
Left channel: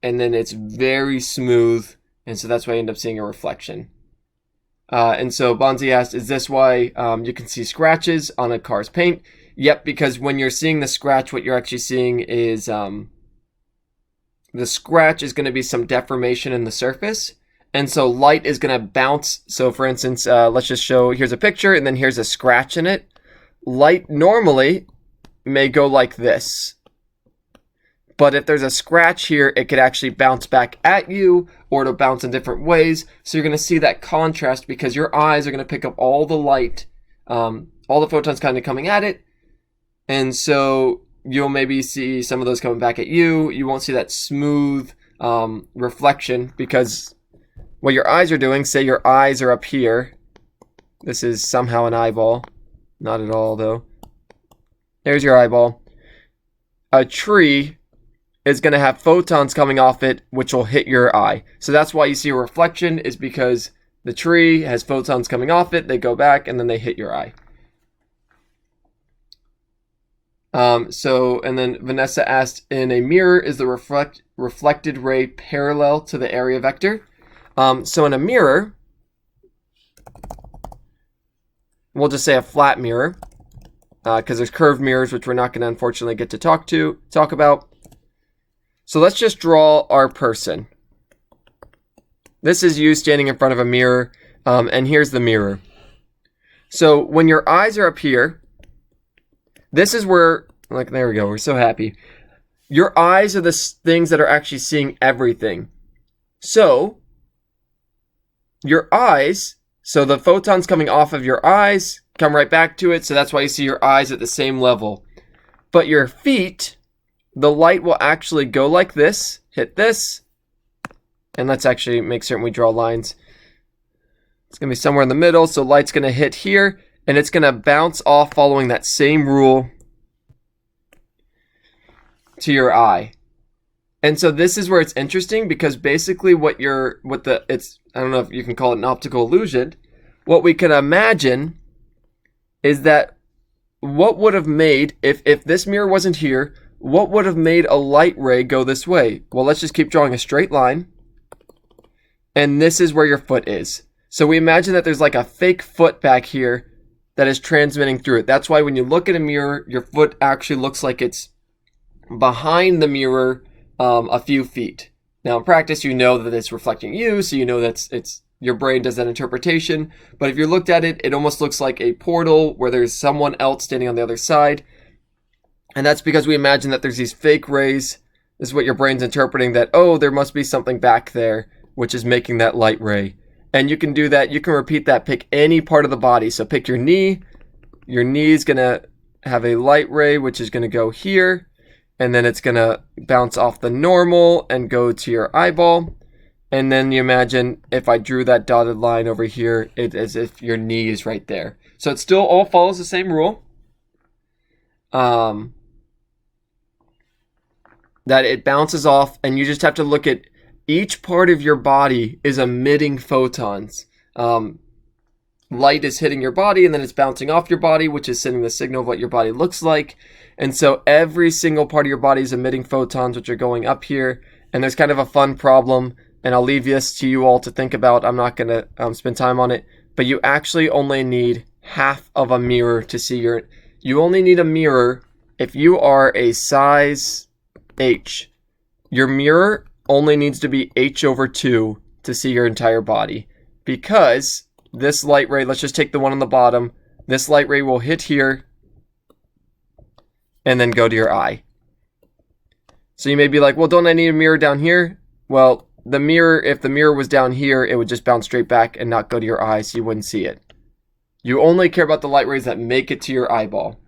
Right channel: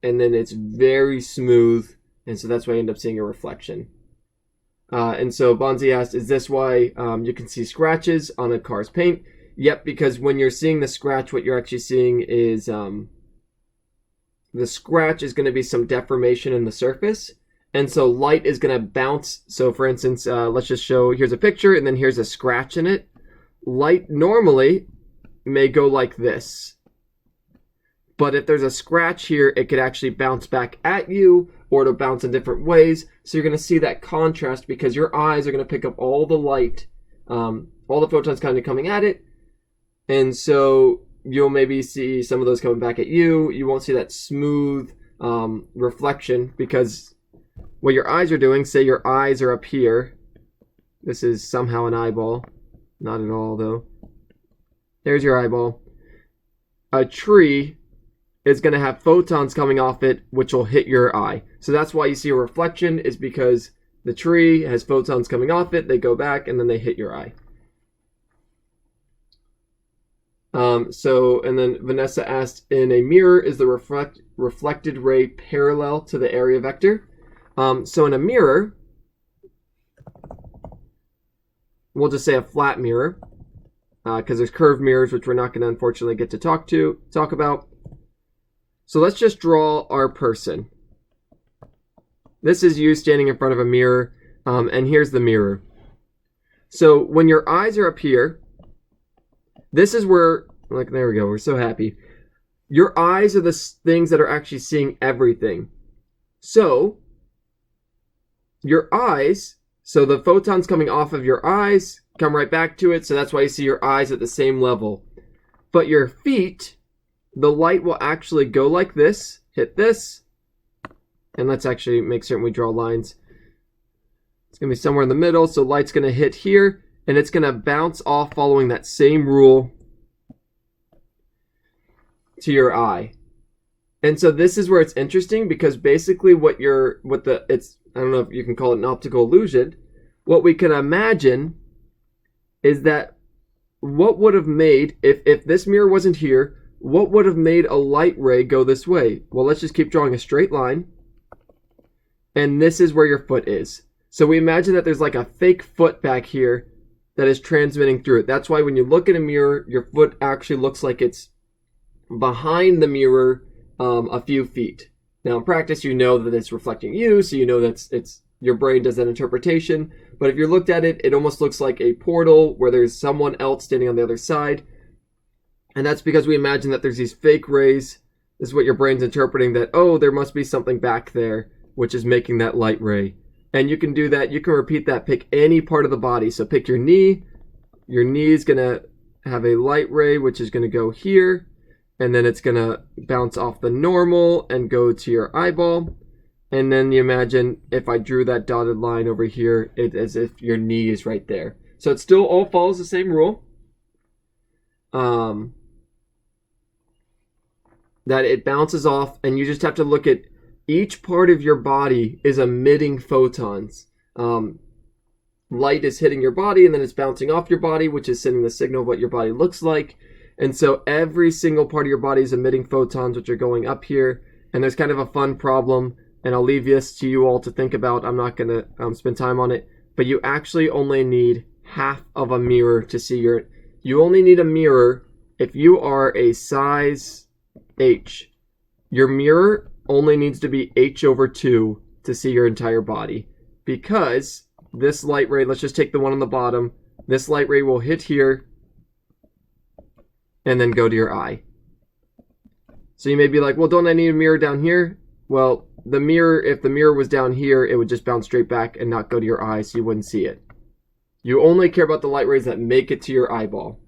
then it's very smooth. And so that's why you end up seeing a reflection. And so Bonzi asked, is this why you can see scratches on a car's paint? Yep, because when you're seeing the scratch, what you're actually seeing is the scratch is going to be some deformation in the surface. And so light is going to bounce. So for instance, let's just show, here's a picture and then here's a scratch in it. Light normally may go like this. But if there's a scratch here, it could actually bounce back at you, or it'll bounce in different ways. So you're going to see that contrast because your eyes are going to pick up all the light, all the photons kind of coming at it. And so you'll maybe see some of those coming back at you. You won't see that smooth reflection because what your eyes are doing, say your eyes are up here. This is somehow an eyeball. Not at all, though. There's your eyeball. A tree is going to have photons coming off it, which will hit your eye. So that's why you see a reflection, is because the tree has photons coming off it. They go back, and then they hit your eye. And then Vanessa asked, in a mirror, is the reflected ray parallel to the area vector? So in a mirror, we'll just say a flat mirror, because there's curved mirrors, which we're not going to unfortunately get to talk about. So let's just draw our person. This is you standing in front of a mirror, and here's the mirror. So when your eyes are up here, this is where, like, there we go, we're so happy. Your eyes are the things that are actually seeing everything. So your eyes, so the photons coming off of your eyes come right back to it, so that's why you see your eyes at the same level. But your feet, the light will actually go like this, hit this, and let's actually make certain we draw lines. It's going to be somewhere in the middle, so light's going to hit here, and it's going to bounce off following that same rule to your eye. And so this is where it's interesting, because basically I don't know if you can call it an optical illusion. What we can imagine is that what would have made, if this mirror wasn't here, what would have made a light ray go this way? Well, let's just keep drawing a straight line. And this is where your foot is. So we imagine that there's like a fake foot back here that is transmitting through it. That's why when you look at a mirror, your foot actually looks like it's behind the mirror a few feet. Now in practice, you know that it's reflecting you, so you know that's your brain does that interpretation. But if you looked at it, it almost looks like a portal where there's someone else standing on the other side. And that's because we imagine that there's these fake rays. This is what your brain's interpreting, that, oh, there must be something back there, which is making that light ray. And you can do that. You can repeat that. Pick any part of the body. So pick your knee. Your knee is going to have a light ray, which is going to go here. And then it's going to bounce off the normal and go to your eyeball. And then you imagine if I drew that dotted line over here, it's as if your knee is right there. So it still all follows the same rule. That it bounces off, and you just have to look at each part of your body is emitting photons. Light is hitting your body, and then it's bouncing off your body, which is sending the signal of what your body looks like. And so every single part of your body is emitting photons, which are going up here. And there's kind of a fun problem, and I'll leave this to you all to think about. I'm not going to spend time on it. But you actually only need half of a mirror to see you only need a mirror if you are a size H. Your mirror only needs to be H/2 to see your entire body. Because this light ray, let's just take the one on the bottom. This light ray will hit here and then go to your eye. So you may be like, well, don't I need a mirror down here? Well, the mirror, if the mirror was down here, it would just bounce straight back and not go to your eye, so you wouldn't see it. You only care about the light rays that make it to your eyeball.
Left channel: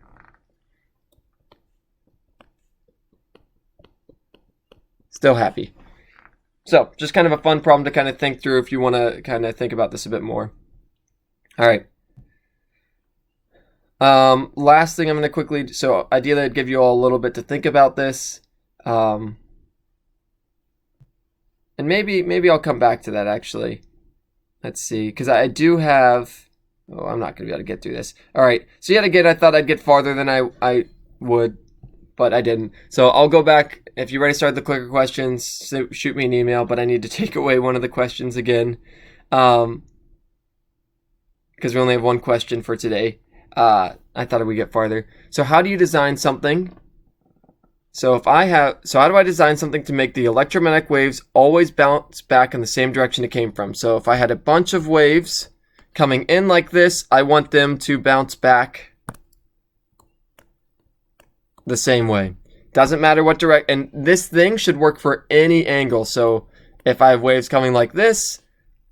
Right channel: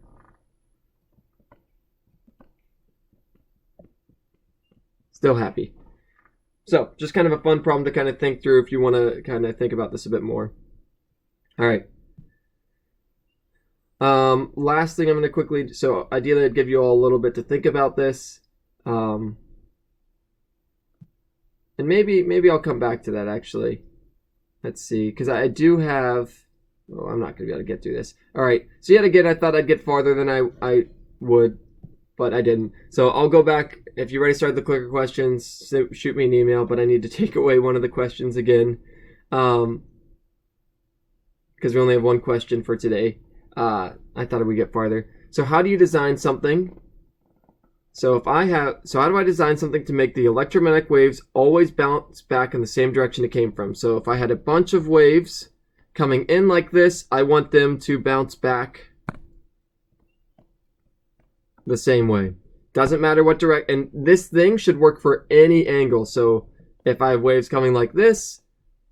Still happy. So, just kind of a fun problem to kind of think through if you want to kind of think about this a bit more. All right. Last thing I'm going to quickly, so ideally I'd give you all a little bit to think about this. And maybe I'll come back to that actually. Let's see, because I do have, I'm not going to be able to get through this. All right, so yet again, I thought I'd get farther than I would, but I didn't. So I'll go back. If you already started the clicker questions, shoot me an email, but I need to take away one of the questions again. Because we only have one question for today. I thought we'd get farther. So how do you design something? So how do I design something to make the electromagnetic waves always bounce back in the same direction it came from? So if I had a bunch of waves coming in like this, I want them to bounce back the same way. Doesn't matter what direct, and this thing should work for any angle. So if I have waves coming like this,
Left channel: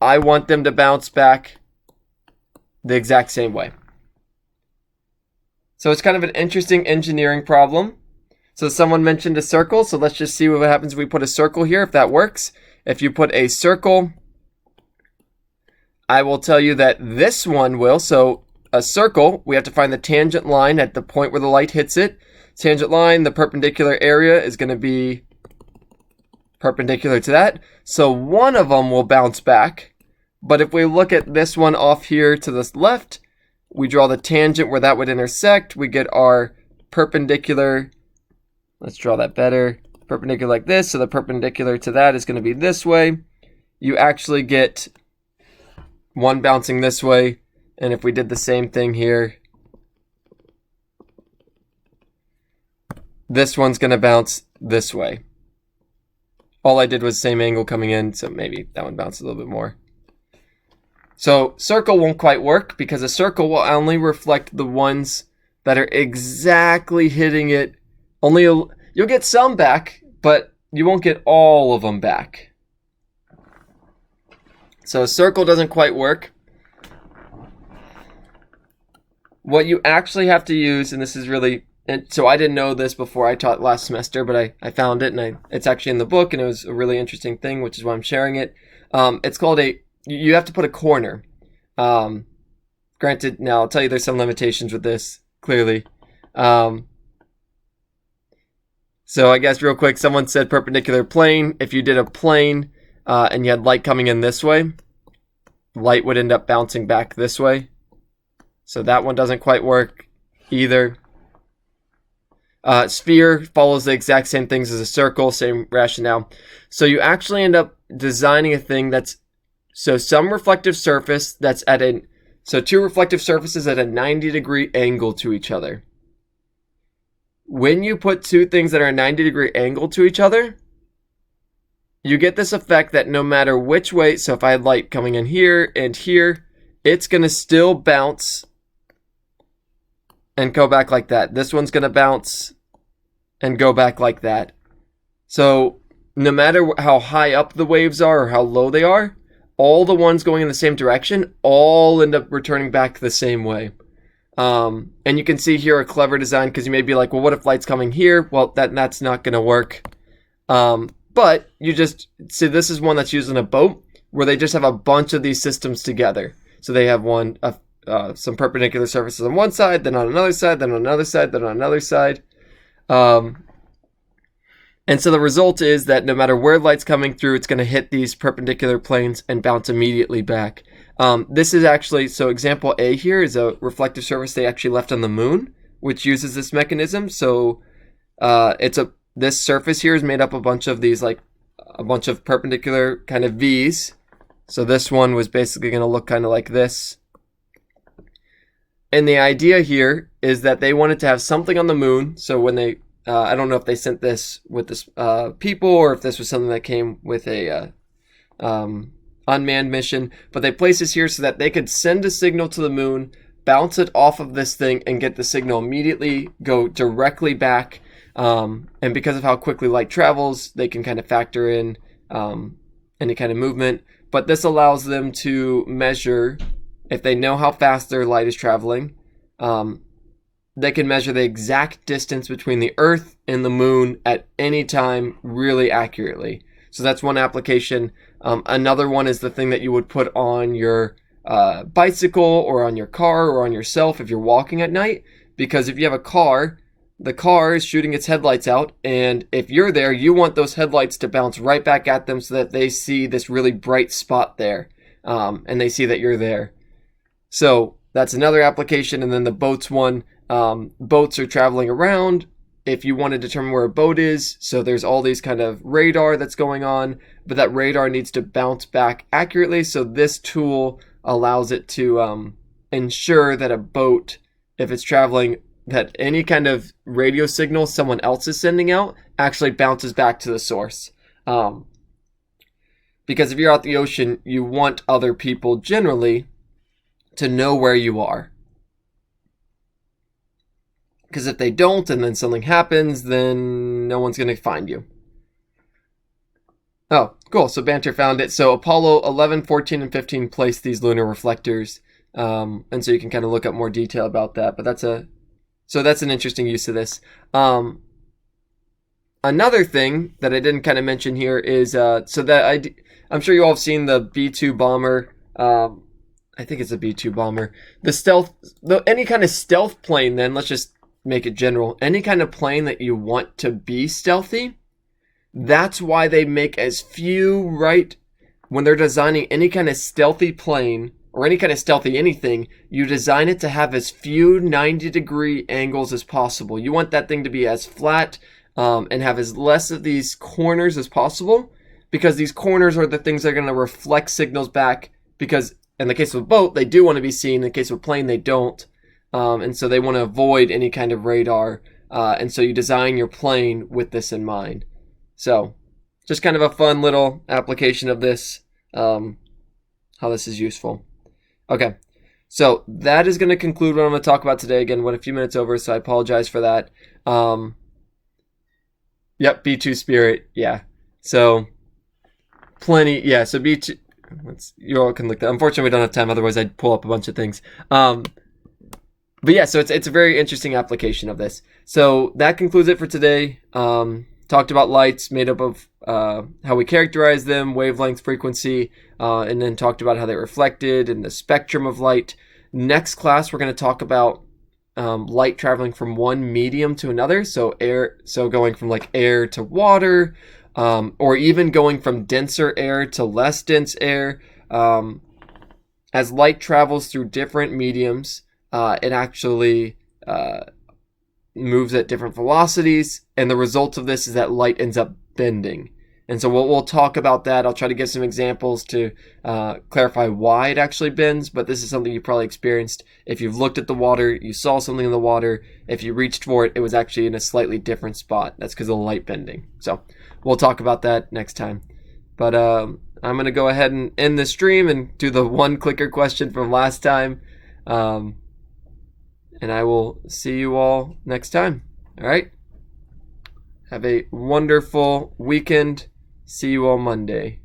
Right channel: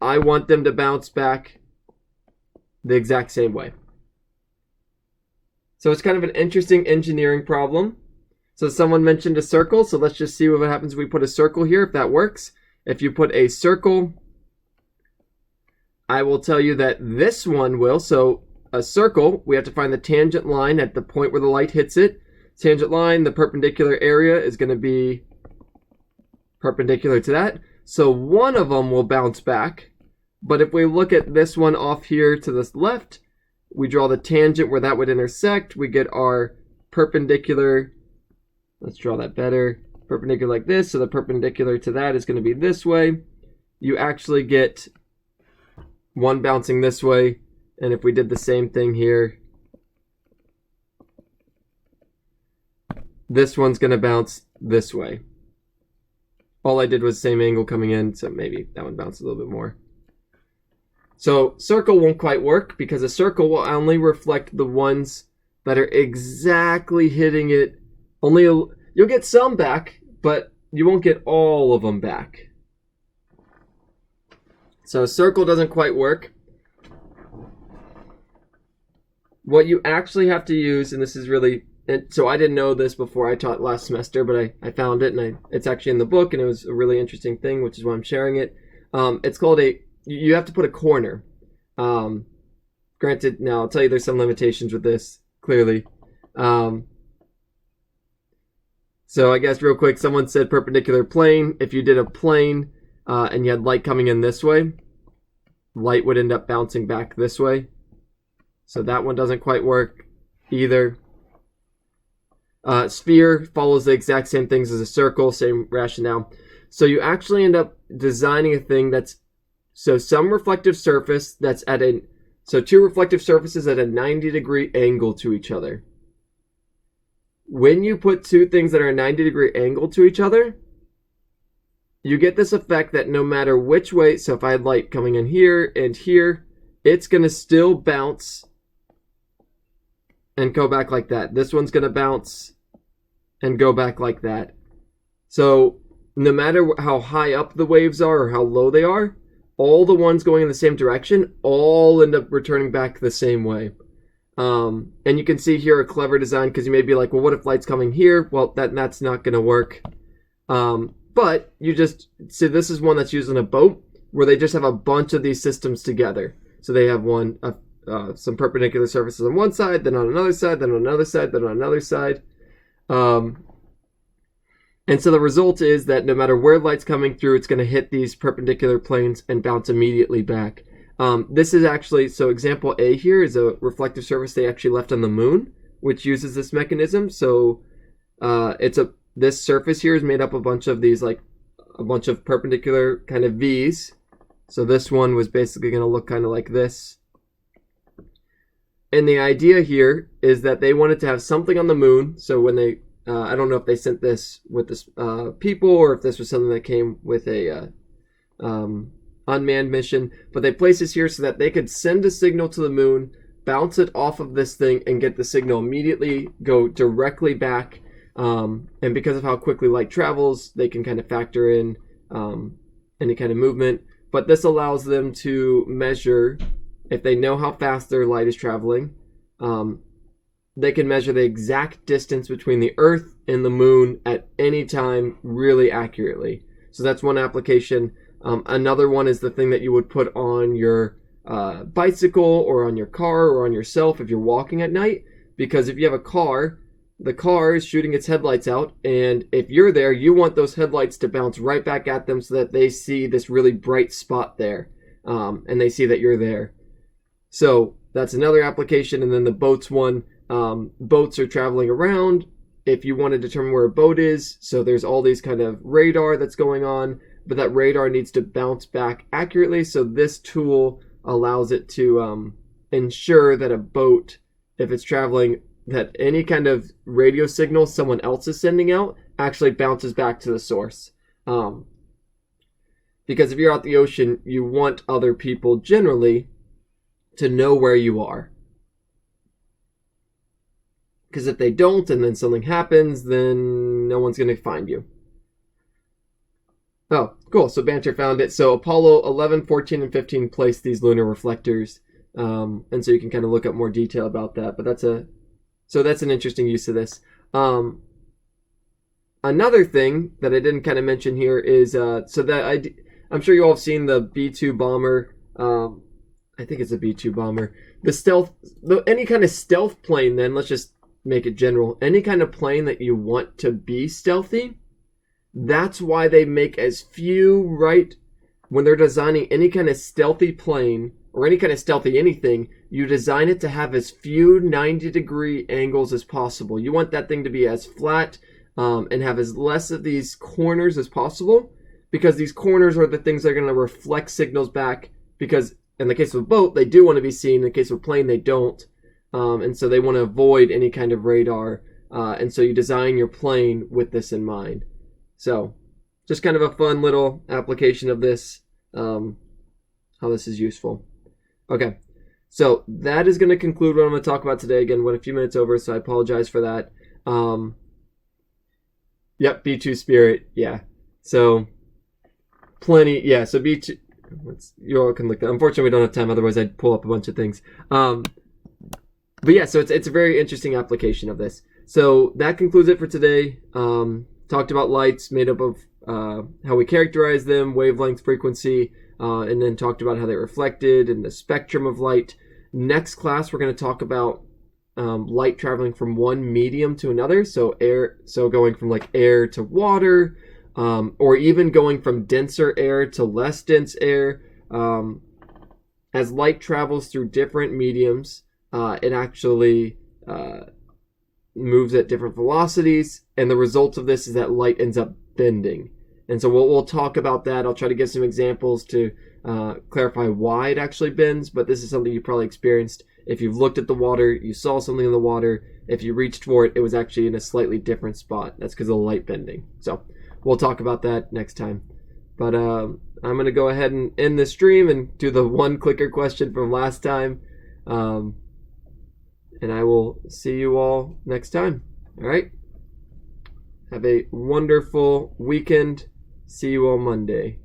I want them to bounce back the exact same way. So it's kind of an interesting engineering problem. So someone mentioned a circle, so let's just see what happens if we put a circle here, if that works. If you put a circle, I will tell you that this one will. So a circle, we have to find the tangent line at the point where the light hits it. Tangent line, the perpendicular area is going to be perpendicular to that. So one of them will bounce back. But if we look at this one off here to the left, we draw the tangent where that would intersect. We get our perpendicular. Let's draw that better. Perpendicular like this. So the perpendicular to that is going to be this way. You actually get one bouncing this way. And if we did the same thing here, this one's going to bounce this way. All I did was same angle coming in, so maybe that one bounced a little bit more. So circle won't quite work because a circle will only reflect the ones that are exactly hitting it. You'll get some back, but you won't get all of them back. So circle doesn't quite work. What you actually have to use, and this is really, and so I didn't know this before I taught last semester, but I found it, and it's actually in the book, and it was a really interesting thing, which is why I'm sharing it. It's called you have to put a corner. Granted, now I'll tell you there's some limitations with this, clearly. So I guess real quick, someone said perpendicular plane. If you did a plane and you had light coming in this way, light would end up bouncing back this way. So that one doesn't quite work either. Sphere follows the exact same things as a circle, same rationale. So you actually end up designing a thing that's, so some reflective surface that's so two reflective surfaces at a 90-degree angle to each other. When you put two things that are a 90-degree angle to each other, you get this effect that no matter which way, so if I had light coming in here and here, it's going to still bounce and go back like that. This one's going to bounce and go back like that. So no matter how high up the waves are or how low they are, all the ones going in the same direction all end up returning back the same way. And you can see here a clever design, because you may be like, well, what if light's coming here? Well, that's not going to work. But you just see, this is one that's used in a boat where they just have a bunch of these systems together. So they have some perpendicular surfaces on one side, then on another side, then on another side, then on another side. And so the result is that no matter where light's coming through, it's going to hit these perpendicular planes and bounce immediately back. This is actually, so example A here is a reflective surface they actually left on the moon, which uses this mechanism. So this surface here is made up of a bunch of these, like a bunch of perpendicular kind of V's. So this one was basically going to look kind of like this. And the idea here is that they wanted to have something on the moon. So when they, I don't know if they sent this with this people or if this was something that came with a unmanned mission, but they placed this here so that they could send a signal to the moon, bounce it off of this thing, and get the signal immediately go directly back. And because of how quickly light travels, they can kind of factor in any kind of movement. But this allows them to measure, if they know how fast their light is traveling, they can measure the exact distance between the Earth and the moon at any time really accurately. So that's one application. Another one is the thing that you would put on your bicycle or on your car or on yourself if you're walking at night. Because if you have a car, the car is shooting its headlights out, and if you're there, you want those headlights to bounce right back at them so that they see this really bright spot there, and they see that you're there. So that's another application. And then the boats one, boats are traveling around. If you want to determine where a boat is, so there's all these kind of radar that's going on, but that radar needs to bounce back accurately. So this tool allows it to ensure that a boat, if it's traveling, that any kind of radio signal someone else is sending out actually bounces back to the source. Because if you're out the ocean, you want other people generally to know where you are. Because if they don't and then something happens, then no one's going to find you. Oh, cool. So Banter found it. So Apollo 11, 14, and 15 placed these lunar reflectors. And so you can kind of look up more detail about that. But that's an interesting use of this. Another thing that I didn't kind of mention here is I'm sure you all have seen the B-2 bomber. I think it's a B-2 bomber. Any kind of stealth plane, then, let's just make it general. Any kind of plane that you want to be stealthy, that's why they make as few, right? When they're designing any kind of stealthy plane, or any kind of stealthy anything, you design it to have as few 90-degree angles as possible. You want that thing to be as flat and have as less of these corners as possible, because these corners are the things that are going to reflect signals back, because in the case of a boat, they do want to be seen. In the case of a plane, they don't. And so they want to avoid any kind of radar. And so you design your plane with this in mind. So just kind of a fun little application of this, how this is useful. Okay, so that is going to conclude what I'm going to talk about today. Again, went a few minutes over, so I apologize for that. Yep, B-2 Spirit, yeah. So plenty, yeah, so B-2, you all can look that. Unfortunately, we don't have time, otherwise I'd pull up a bunch of things. But yeah, so it's a very interesting application of this. So that concludes it for today. Talked about lights made up of how we characterize them, wavelength, frequency, and then talked about how they reflected and the spectrum of light. Next class, we're going to talk about light traveling from one medium to another. So going from like air to water, or even going from denser air to less dense air. As light travels through different mediums, it actually moves at different velocities, and the result of this is that light ends up bending. And so we'll talk about that. I'll try to give some examples to clarify why it actually bends, but this is something you probably experienced. If you've looked at the water, you saw something in the water, if you reached for it, it was actually in a slightly different spot. That's because of the light bending. So we'll talk about that next time. But I'm going to go ahead and end the stream and do the one clicker question from last time. And I will see you all next time. All right? Have a wonderful weekend. See you all Monday.